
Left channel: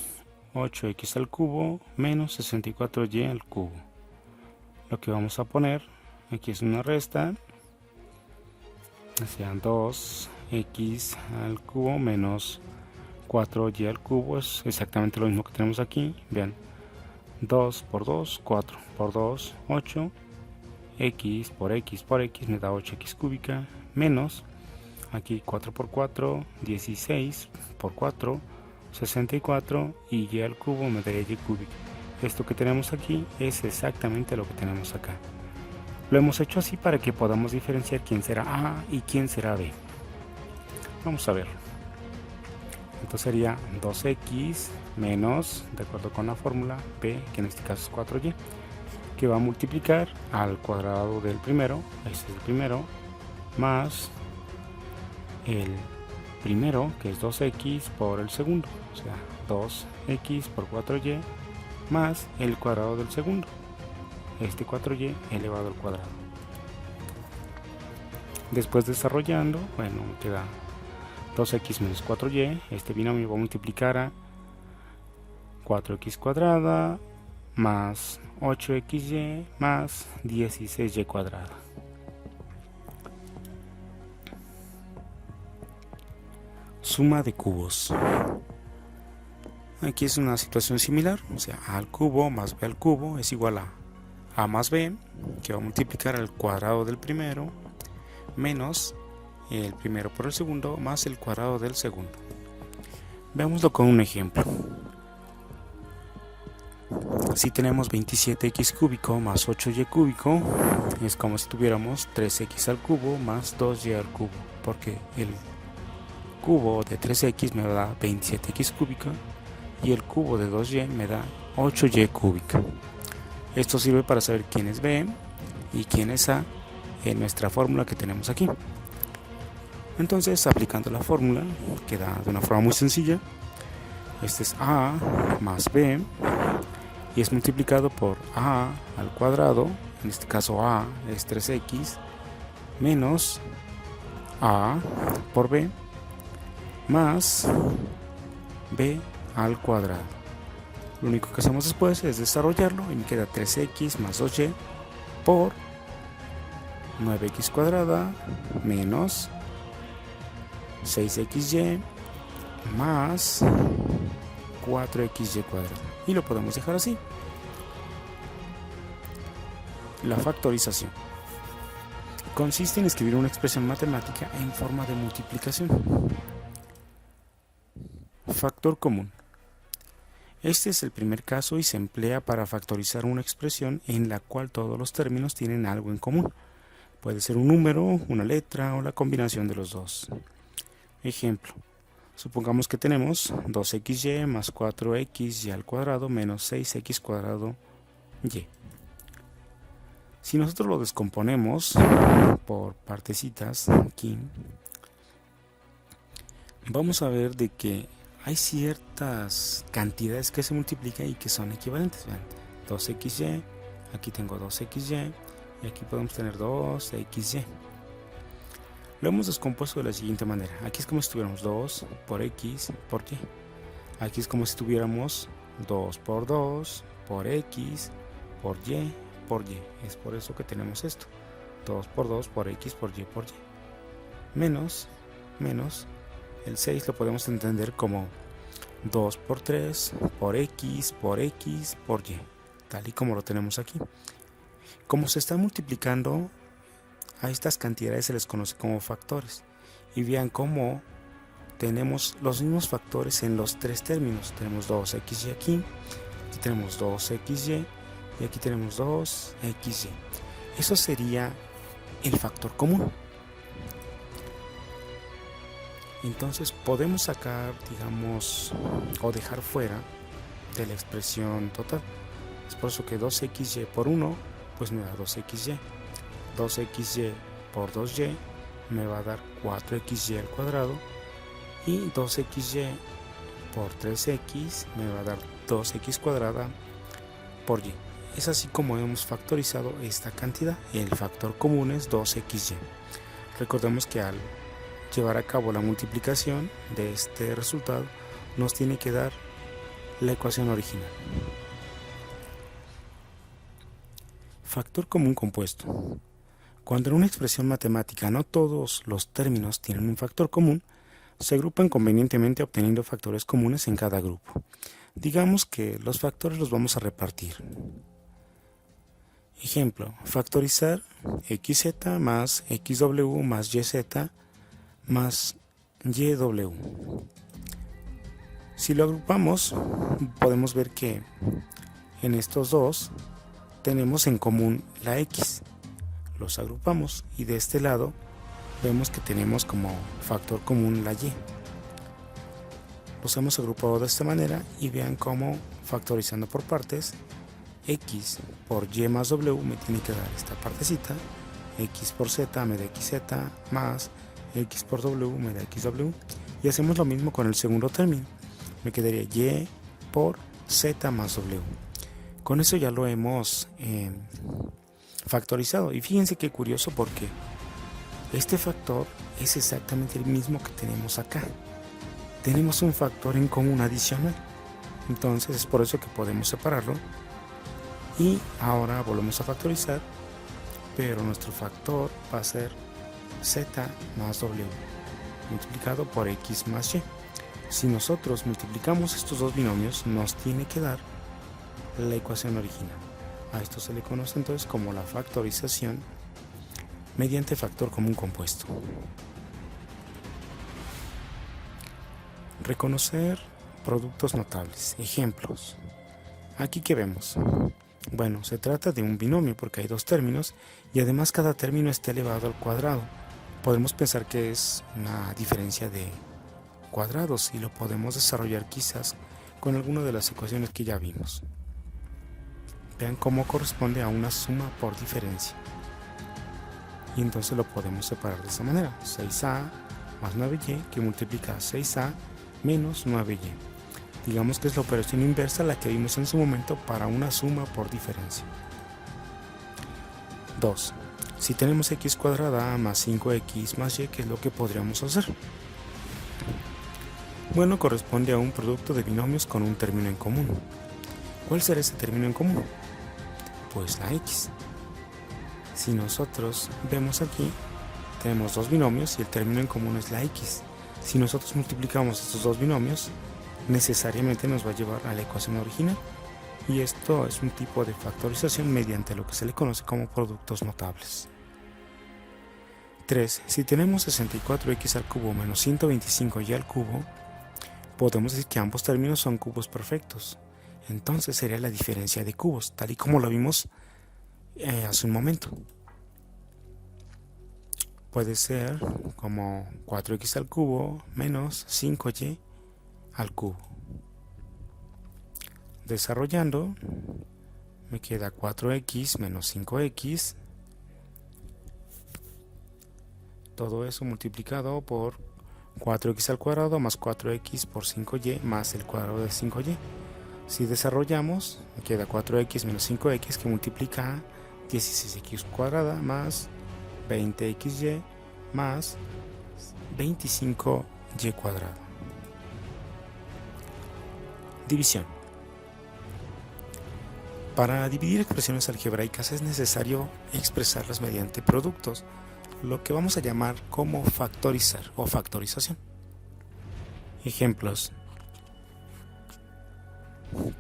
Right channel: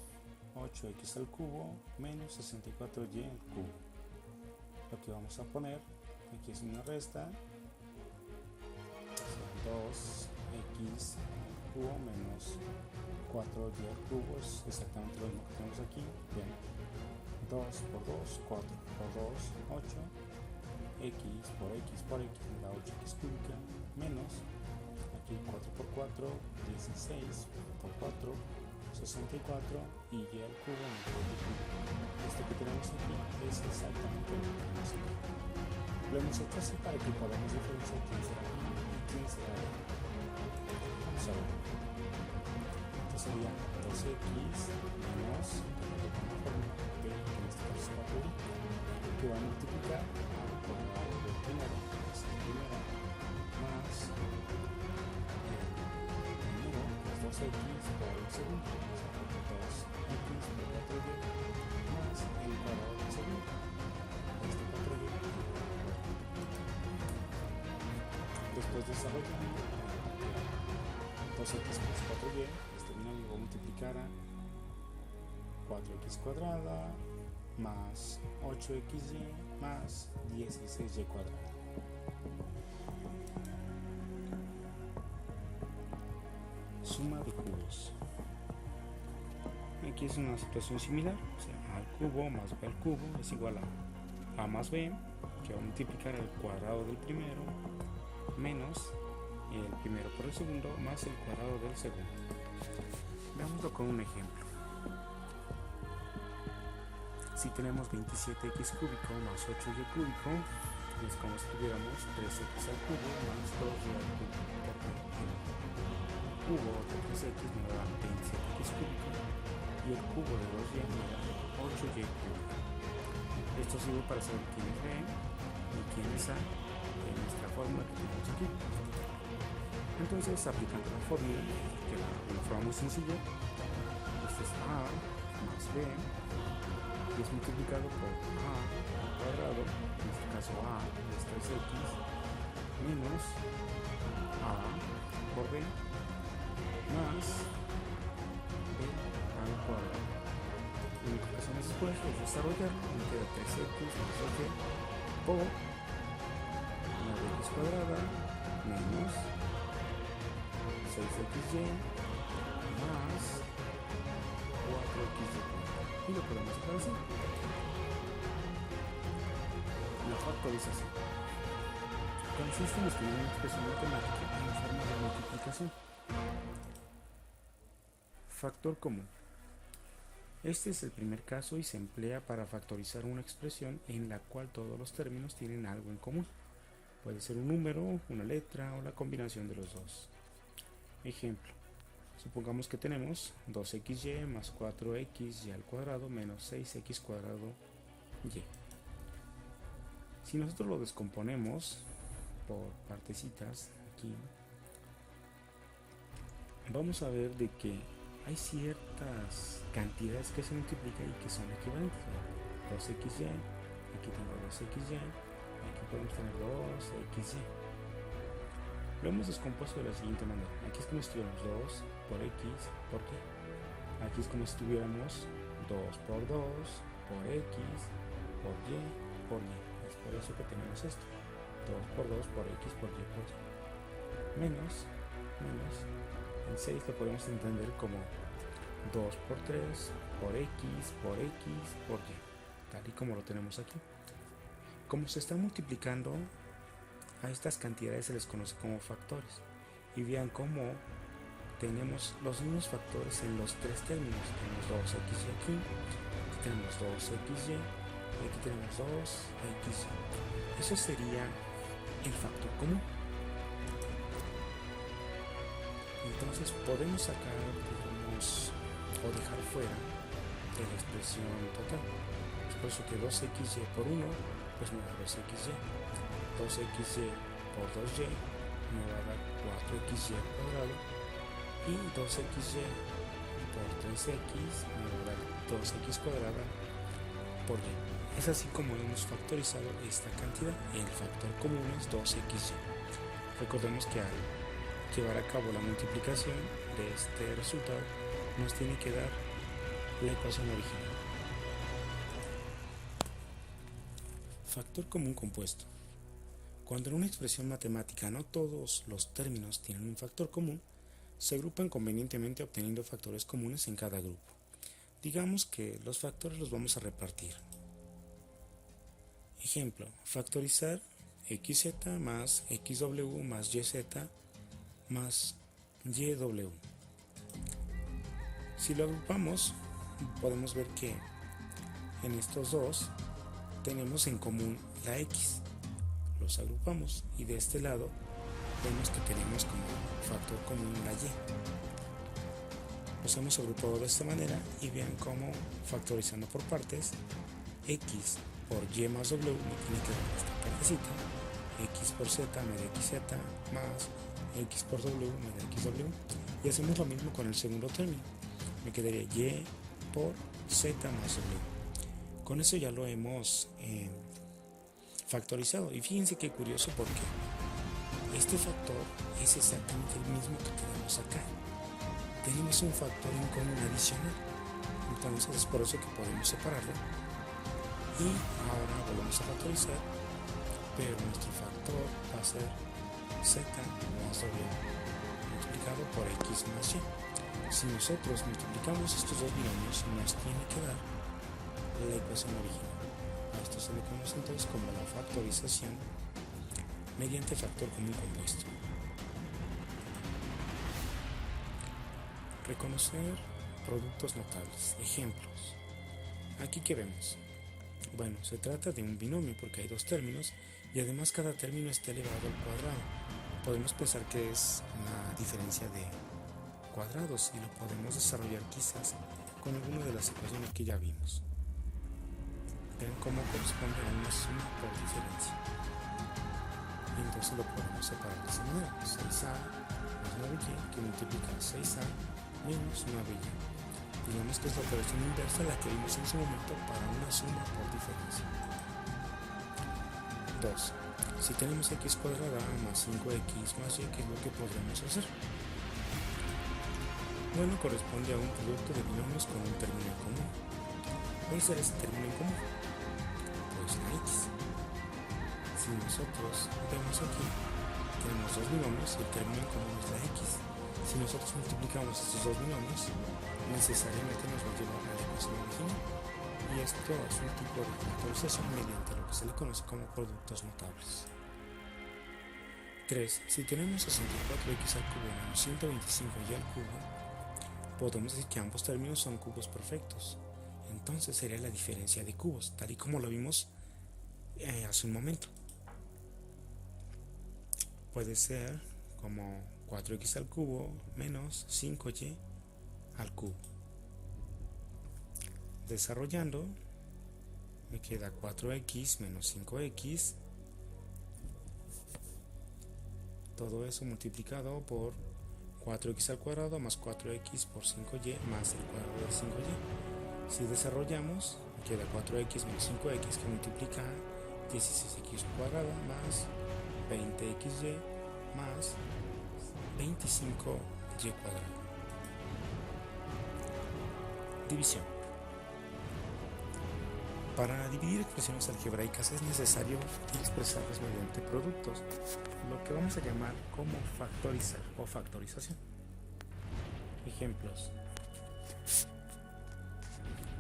8x al cubo menos 64y al cubo. Lo que vamos a poner aquí es una resta, o sea 2x al cubo menos 4y al cubo es exactamente lo mismo que tenemos aquí. Vean, 2 por 2, 4 por 2, 8, x por x por x me da 8x cúbica, menos aquí 4 por 4, 16 por 4, 64 y y al cubo me da y cúbica. Esto que tenemos aquí es exactamente lo que tenemos acá. Lo hemos hecho así para que podamos diferenciar quién será A y quién será B. Vamos a ver. Entonces sería 2x menos, de acuerdo con la fórmula, b, que en este caso es 4y, que va a multiplicar al cuadrado del primero, este es el primero, más el primero, que es 2x por el segundo, o sea 2x por 4y, más el cuadrado del segundo, este 4y elevado al cuadrado. Después desarrollando, bueno, te da 2x menos 4y, este binomio va a multiplicar a 4x cuadrada más 8xy más 16y cuadrada. Suma de cubos. Aquí es una situación similar, o sea, a al cubo más b al cubo es igual a más b, que va a multiplicar al cuadrado del primero, menos el primero por el segundo, más el cuadrado del segundo. Veámoslo con un ejemplo. Si tenemos 27x cúbico más 8y cúbico, es como si tuviéramos 3x al cubo más 2y al cubo, porque el cubo de 3x me da 27x cúbica y el cubo de 2y me da 8y cúbica. Esto sirve para saber quién es b y quién es a en nuestra fórmula que tenemos aquí. Entonces, aplicando la fórmula, queda de una forma muy sencilla. Este es a más b y es multiplicado por a al cuadrado, en este caso a es 3x, menos a por b, más b al cuadrado. Lo único que hacemos después es desarrollarlo y me queda 3x más 8y por 9x cuadrada menos 6xy más 4xy cuadrado. Y lo podemos dejar así. La factorización consiste en escribir una expresión matemática en forma de multiplicación. Factor común. Este es el primer caso y se emplea para factorizar una expresión en la cual todos los términos tienen algo en común. Puede ser un número, una letra o la combinación de los dos. Ejemplo. Supongamos que tenemos 2xy más 4xy al cuadrado menos 6x cuadrado y. Si nosotros lo descomponemos por partecitas aquí, vamos a ver de que hay ciertas cantidades que se multiplican y que son equivalentes. Vean, 2xy, aquí tengo 2xy y aquí podemos tener 2xy. Lo hemos descompuesto de la siguiente manera. Aquí es como si tuviéramos 2 por x por y. Aquí es como si tuviéramos 2 por 2 por x por y por y. Es por eso que tenemos esto. 2 por 2 por x por y por y. Menos el 6 lo podemos entender como 2 por 3 por x por x por y. Tal y como lo tenemos aquí. Como se está multiplicando, a estas cantidades se les conoce como factores. Y vean cómo tenemos los mismos factores en los tres términos. Tenemos 2xy aquí tenemos 2xy y aquí tenemos 2xy. Eso sería el factor común. Entonces podemos sacar, digamos, o dejar fuera de la expresión total. Es por eso que 2xy por 1 pues me da 2xy. 2xy por 2y me va a dar 4xy al cuadrado y 2xy por 3x me va a dar 2x cuadrada por y. Es así como hemos factorizado esta cantidad. El factor común es 2xy. Recordemos que al llevar a cabo la multiplicación de este resultado nos tiene que dar la ecuación original. Factor común compuesto. Cuando en una expresión matemática no todos los términos tienen un factor común, se agrupan convenientemente obteniendo factores comunes en cada grupo. Digamos que los factores los vamos a repartir. Ejemplo, factorizar xz más xw más yz más yw. Si lo agrupamos, podemos ver que en estos dos tenemos en común la x. Los agrupamos y de este lado vemos que tenemos como factor común la y. Los hemos agrupado de esta manera y vean cómo factorizando por partes, x por y más w me tiene que dar esta partecita, x por z me da xz más x por w me da xw, y hacemos lo mismo con el segundo término, me quedaría y por z más w. Con eso ya lo hemos factorizado y fíjense qué curioso porque este factor es exactamente el mismo que tenemos acá. Tenemos un factor en común adicional, entonces es por eso que podemos separarlo y ahora volvemos a factorizar, pero nuestro factor va a ser z más w multiplicado por x más y. Si nosotros multiplicamos estos dos binomios nos tiene que dar la ecuación original. A esto se le conoce entonces como la factorización mediante factor común compuesto. Reconocer productos notables. Ejemplos. Aquí que vemos. Bueno, se trata de un binomio porque hay dos términos y además cada término está elevado al cuadrado. Podemos pensar que es una diferencia de cuadrados y lo podemos desarrollar quizás con alguna de las ecuaciones que ya vimos. Vean cómo corresponde a una suma por diferencia. Y entonces lo podemos separar de esta manera. 6a más 9y que multiplica 6a menos 9y. Digamos que es la operación inversa la que vimos en su momento para una suma por diferencia. 2. Si tenemos x cuadrada más 5x más y, ¿qué es lo que podríamos hacer? Bueno, corresponde a un producto de binomios con un término en común. ¿Cuál será ese término en común? Pues la x. Si nosotros vemos aquí, tenemos dos binomios y el término en común es la x. Si nosotros multiplicamos estos dos binomios, necesariamente nos va a llevar a la ecuación original. Y esto es un tipo de factorización mediante lo que se le conoce como productos notables. 3. Si tenemos 64x al cubo menos 125y al cubo, podemos decir que ambos términos son cubos perfectos. Entonces sería la diferencia de cubos, tal y como lo vimos hace un momento. Puede ser como 4x al cubo menos 5y al cubo. Desarrollando, me queda 4x menos 5x. Todo eso multiplicado por 4x al cuadrado más 4x por 5y más el cuadrado de 5y. Si desarrollamos, me queda 4x menos 5x que multiplica 16x cuadrada más 20xy más 25y cuadrado. División. Para dividir expresiones algebraicas es necesario expresarlas mediante productos, lo que vamos a llamar como factorizar o factorización. Ejemplos.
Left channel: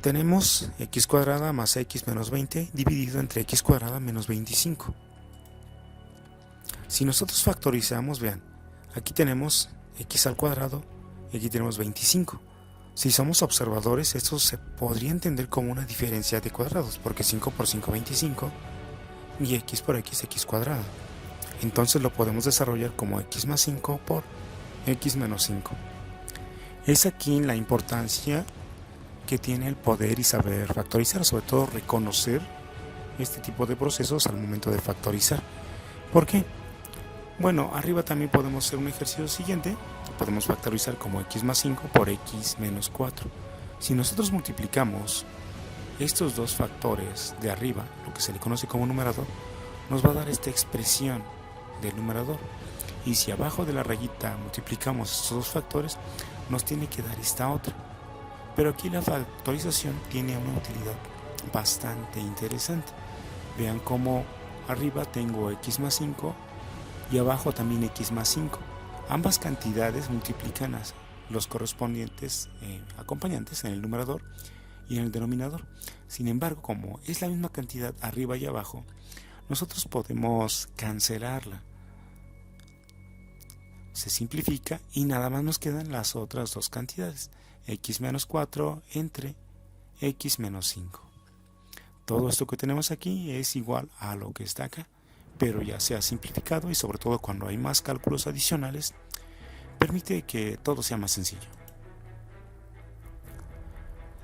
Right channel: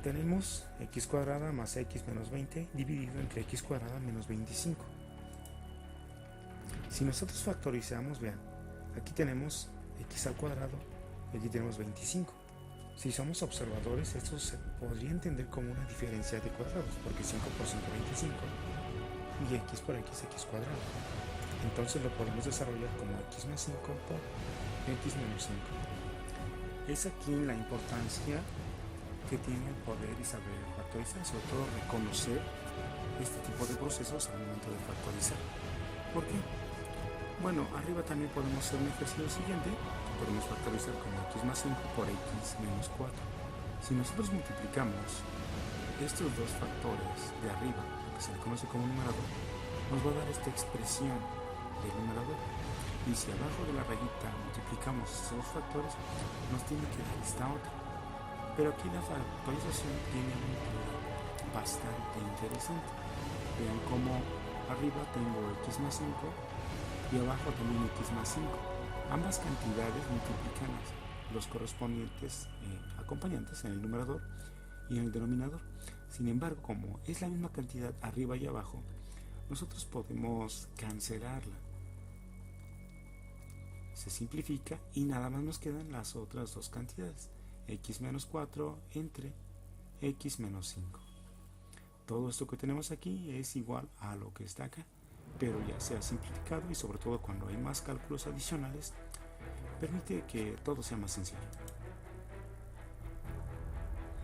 Tenemos x cuadrada más x menos 20 dividido entre x cuadrada menos 25. Si nosotros factorizamos, vean, aquí tenemos x al cuadrado y aquí tenemos 25. Si somos observadores, esto se podría entender como una diferencia de cuadrados, porque 5 por 5 25 y x por x cuadrado. Entonces lo podemos desarrollar como x más 5 por x menos 5. Es aquí la importancia que tiene el poder y saber factorizar, sobre todo reconocer este tipo de procesos al momento de factorizar. ¿Por qué? Bueno, arriba también podemos hacer un ejercicio siguiente. Podemos factorizar como x más 5 por x menos 4. Si nosotros multiplicamos estos dos factores de arriba, lo que se le conoce como numerador, nos va a dar esta expresión del numerador. Y si abajo de la rayita multiplicamos estos dos factores, nos tiene que dar esta otra. Pero aquí la factorización tiene una utilidad bastante interesante. Vean cómo arriba tengo x más 5 y abajo también x más 5. Ambas cantidades multiplican a los correspondientes acompañantes en el numerador y en el denominador. Sin embargo, como es la misma cantidad arriba y abajo, nosotros podemos cancelarla. Se simplifica y nada más nos quedan las otras dos cantidades, x menos 4 entre x menos 5. Todo esto que tenemos aquí es igual a lo que está acá, pero ya se ha simplificado y sobre todo cuando hay más cálculos adicionales, permite que todo sea más sencillo.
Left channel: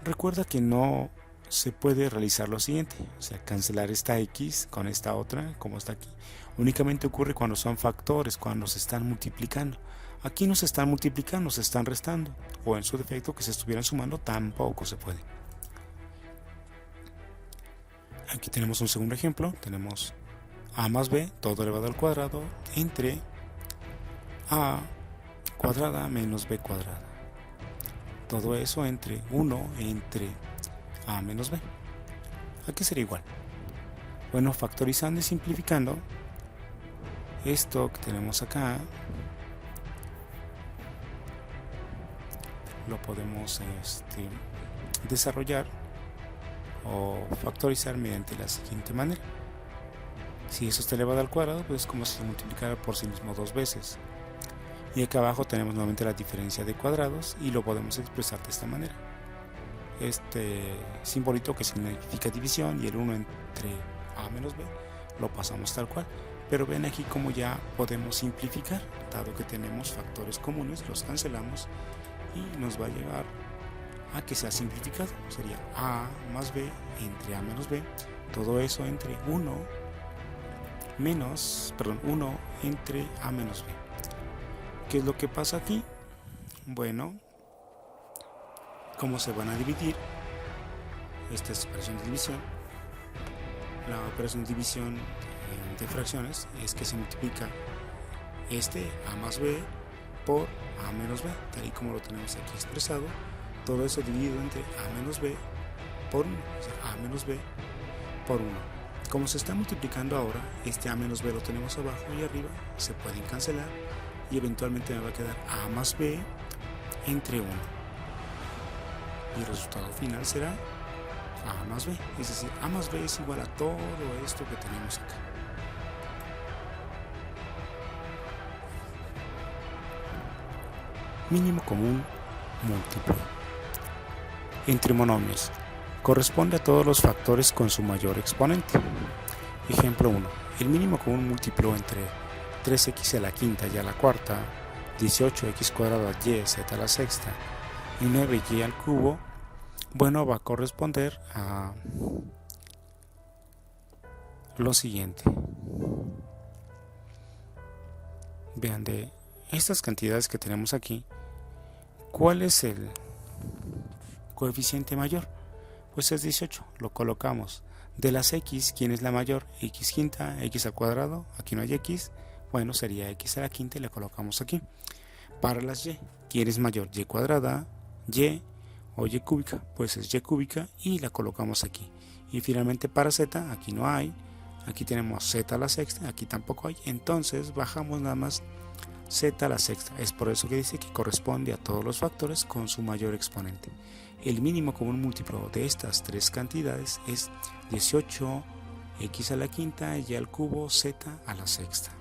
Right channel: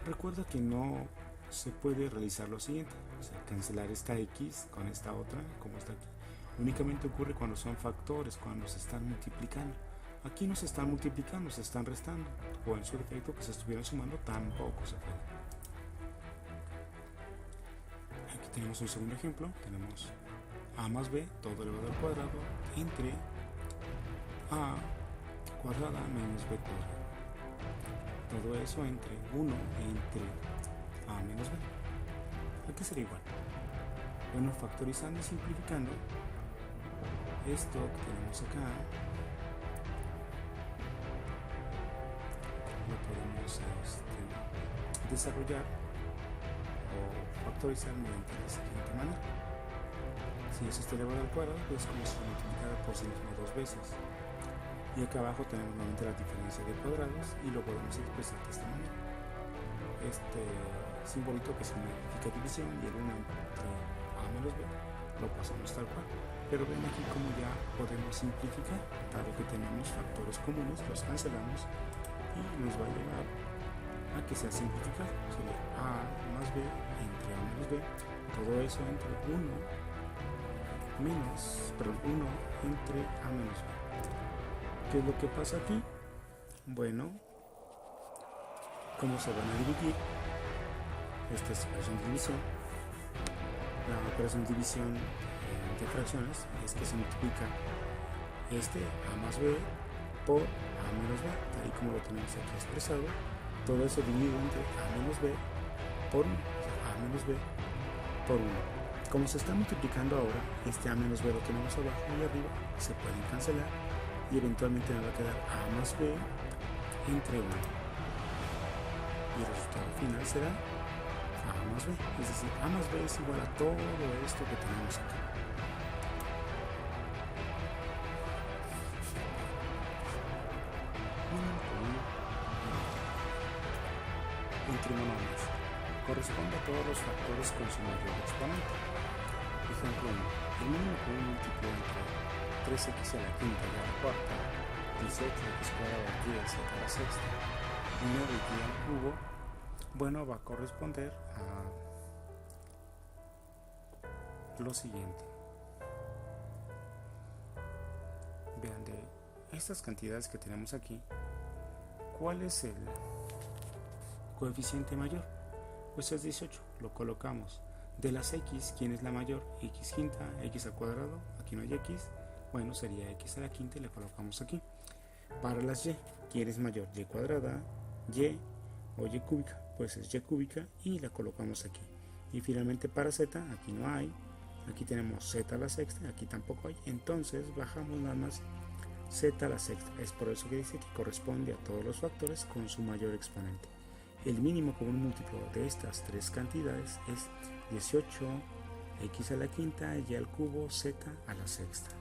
Recuerda que no se puede realizar lo siguiente, o sea, cancelar esta x con esta otra, como está aquí. Únicamente ocurre cuando son factores, cuando se están multiplicando. Aquí no se están multiplicando, se están restando, o en su defecto que se estuvieran sumando, tampoco se puede. Aquí tenemos un segundo ejemplo, tenemos a más b, todo elevado al cuadrado, entre a cuadrada menos b cuadrada. Todo eso entre 1 entre a menos b. Aquí sería igual. Bueno, factorizando y simplificando, esto que tenemos acá lo podemos desarrollar o factorizar mediante la siguiente manera. Si eso está elevado al cuadrado, pues es como si se multiplicara por sí mismo dos veces. Y acá abajo tenemos nuevamente la diferencia de cuadrados y lo podemos expresar de esta manera. Este simbolito que significa división y el 1 entre a menos b lo pasamos tal cual. Pero ven aquí como ya podemos simplificar, dado que tenemos factores comunes, los cancelamos y nos va a llevar a que sea simplificado. Sería a más b entre a menos b, todo eso entre 1 entre a menos b. ¿Qué es lo que pasa aquí? Bueno, ¿cómo se van a dividir? Esta es operación de división. La operación de división de fracciones es que se multiplica a más b por a menos b, tal y como lo tenemos aquí expresado. Todo eso dividido entre a menos b por 1, o sea, a menos b por 1. Como se está multiplicando ahora, a menos b lo tenemos abajo y arriba, se pueden cancelar y eventualmente me va a quedar a más b entre 1. Y el resultado final será a más b, es decir, a más b es igual a todo esto que tenemos acá. Mínimo común múltiplo. Entre monomios, corresponde a todos los factores con su mayor exponente. Ejemplo 1. El mínimo común múltiplo entre 3x a la quinta y a la cuarta, 18x cuadrada y z a la sexta y 9y al cubo, bueno, va a corresponder a lo siguiente. Vean, de estas cantidades que tenemos aquí, ¿cuál es el coeficiente mayor? Pues es 18, lo colocamos. De las x, ¿quién es la mayor? X quinta, x al cuadrado, aquí no hay x, bueno, sería x a la quinta y le colocamos aquí. Para las y, ¿quién es mayor? Y cuadrada, y o y cúbica, pues es y cúbica y la colocamos aquí. Y finalmente para z, aquí no hay, aquí tenemos z a la sexta, aquí tampoco hay, entonces bajamos nada más z a la sexta. Es por eso que dice que corresponde a todos los factores con su mayor exponente. El mínimo común múltiplo de estas tres cantidades es 18, x a la quinta, y al cubo, z a la sexta.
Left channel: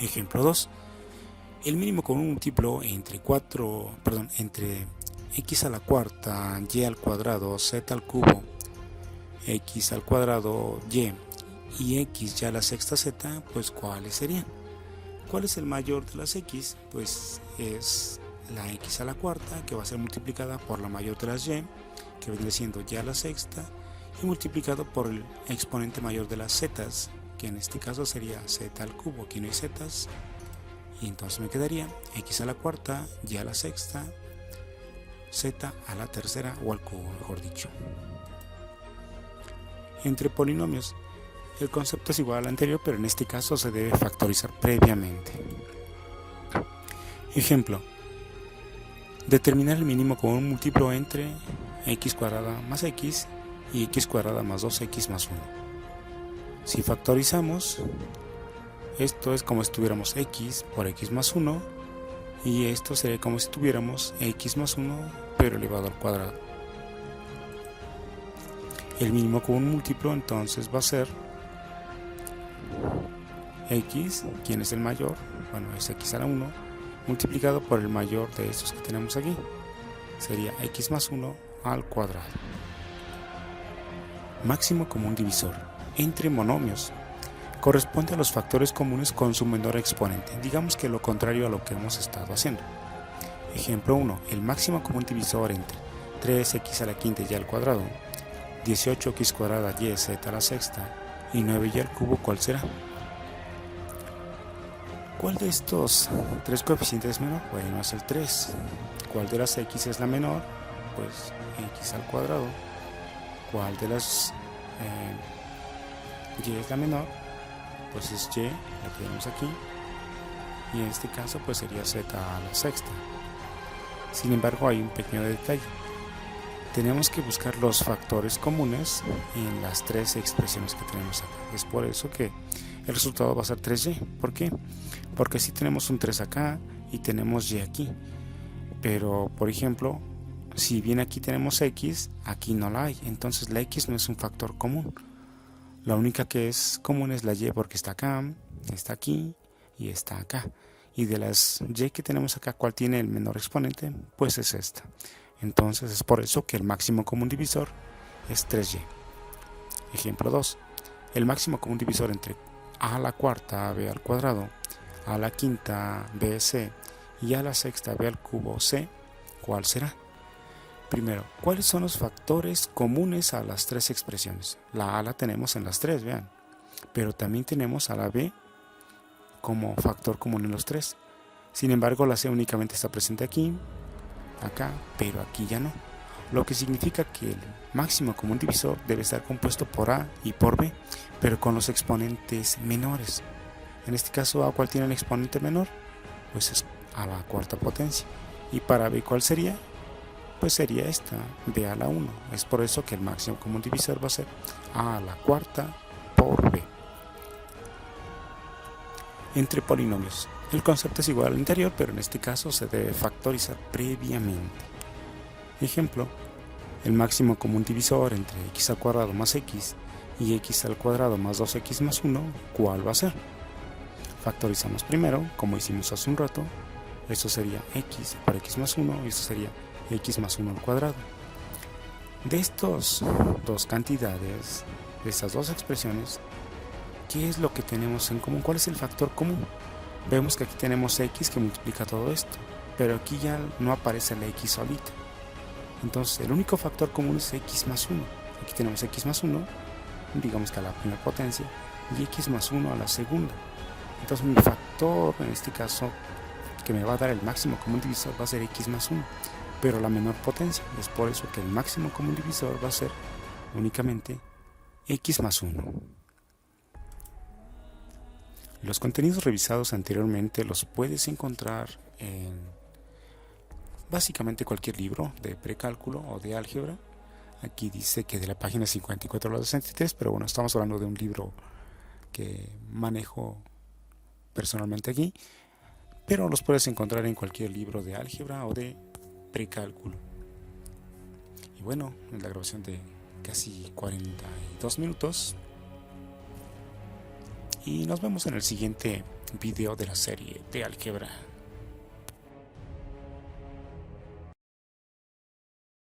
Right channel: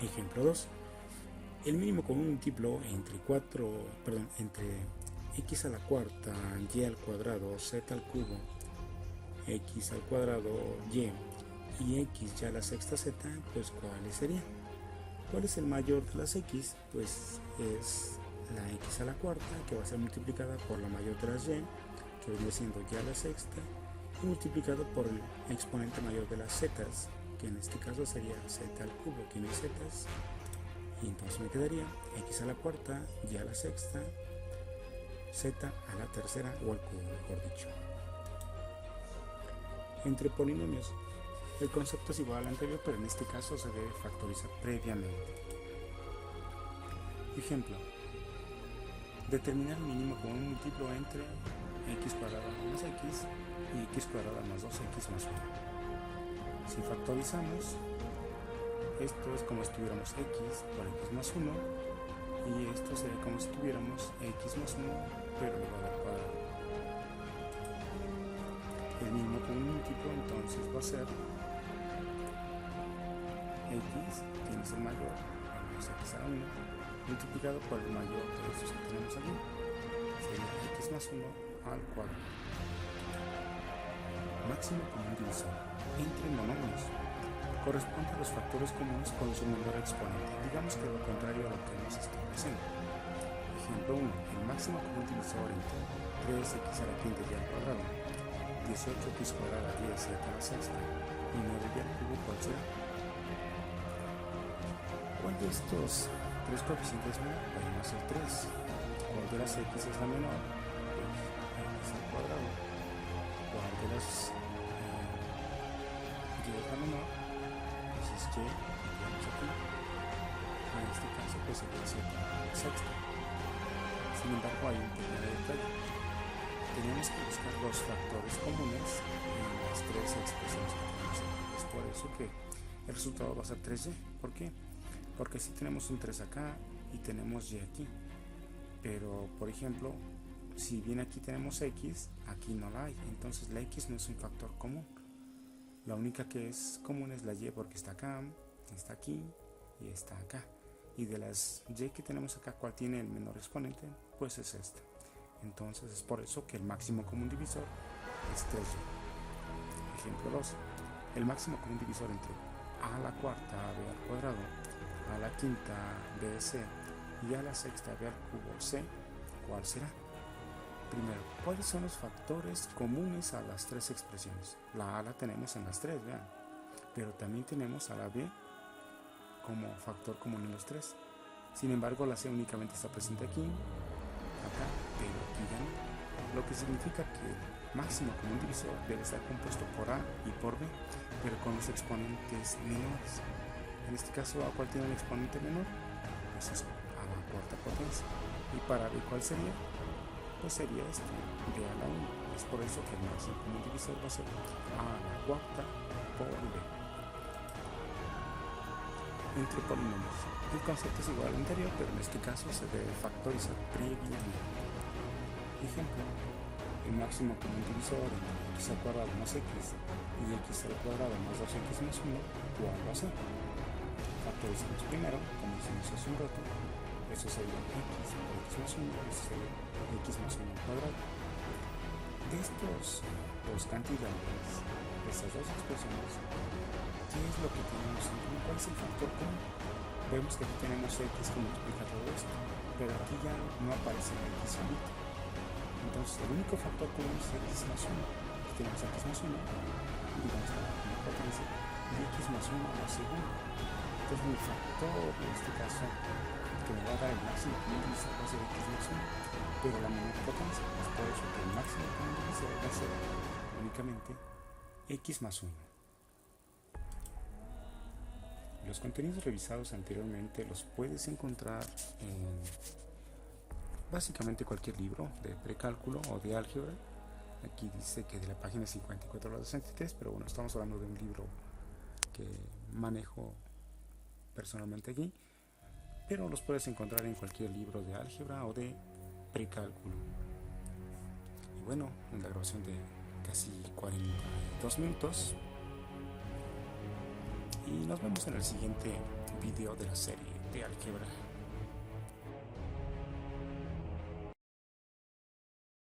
Ejemplo 2. El mínimo común múltiplo entre x a la cuarta, y al cuadrado, z al cubo, x al cuadrado, y x ya a la sexta z, pues ¿cuáles serían? ¿Cuál es el mayor de las x? Pues es la x a la cuarta, que va a ser multiplicada por la mayor de las y, que vendría siendo y a la sexta, y multiplicado por el exponente mayor de las z, que en este caso sería z al cubo, aquí no hay z, y entonces me quedaría x a la cuarta, y a la sexta, z a la tercera o al cubo, mejor dicho. Entre polinomios, el concepto es igual al anterior, pero en este caso se debe factorizar previamente. Ejemplo: determinar el mínimo común múltiplo entre x cuadrada más x y x cuadrada más 2x más 1. Si factorizamos, esto es como si tuviéramos x por x más 1, y esto sería como si tuviéramos x más 1 pero elevado al cuadrado. El mínimo común múltiplo entonces va a ser x, ¿quién es el mayor? Bueno, es x a la 1, multiplicado por el mayor de estos que tenemos aquí, sería x más 1 al cuadrado. Máximo común divisor entre monomios corresponde a los factores comunes con su menor exponente, digamos que lo contrario a lo que hemos estado haciendo. Ejemplo 1. El máximo común divisor entre 3x a la quinta y al cuadrado, 18x cuadrada y z a la sexta y 9y al cubo, ¿cuál será? ¿Cuál de estos tres coeficientes es menor? Bueno, es el 3. ¿Cuál de las x es la menor? Pues x al cuadrado. ¿Cuál de las y es la menor? Pues es y, la tenemos aquí. Y en este caso pues sería z a la sexta. Sin embargo, hay un pequeño detalle. Tenemos que buscar los factores comunes en las tres expresiones que tenemos aquí. Es por eso que el resultado va a ser 3y. ¿Por qué? Porque si tenemos un 3 acá y tenemos y aquí. Pero, por ejemplo, si bien aquí tenemos x, aquí no la hay. Entonces la x no es un factor común. La única que es común es la y, porque está acá, está aquí y está acá. Y de las y que tenemos acá, ¿cuál tiene el menor exponente? Pues es esta. Entonces es por eso que el máximo común divisor es 3y. Ejemplo 2. El máximo común divisor entre a la cuarta, b al cuadrado, a la quinta, bc, y a la sexta, b al cubo, c, ¿cuál será? Primero, ¿cuáles son los factores comunes a las tres expresiones? La a la tenemos en las tres, vean, pero también tenemos a la b como factor común en los tres. Sin embargo, la c únicamente está presente aquí, acá, pero aquí ya no. Lo que significa que el máximo común divisor debe estar compuesto por a y por b, pero con los exponentes menores. En este caso, a, ¿cuál tiene el exponente menor? Pues es a la cuarta potencia. Y para b, ¿cuál sería? Pues sería esta, b a la 1. Es por eso que el máximo común divisor va a ser a la cuarta por b. Entre polinomios, el concepto es igual al anterior, pero en este caso se debe factorizar previamente. Ejemplo: el máximo común divisor entre x al cuadrado más x y x al cuadrado más 2x más 1, ¿cuál va a ser? Factorizamos primero, como hicimos hace un rato. Esto sería x por x más 1 y esto sería x más 1 al cuadrado. De estas dos cantidades, de estas dos expresiones, ¿qué es lo que tenemos en común? ¿Cuál es el factor común? Vemos que aquí tenemos x que multiplica todo esto, pero aquí ya no aparece la x solita. Entonces el único factor común es x más 1. Aquí tenemos x más 1, digamos que a la primera potencia, y x más 1 a la segunda. Entonces mi factor, en este caso, que me va a dar el máximo común divisor va a ser x más 1, pero la menor potencia. Es por eso que el máximo común divisor va a ser únicamente x más 1. Los contenidos revisados anteriormente los puedes encontrar en básicamente cualquier libro de precálculo o de álgebra. Aquí dice que de la página 54 a la 63, pero bueno, estamos hablando de un libro que manejo personalmente aquí, pero los puedes encontrar en cualquier libro de álgebra o de precálculo. Y bueno, en la grabación de casi 42 minutos, y nos vemos en el siguiente video de la serie de álgebra.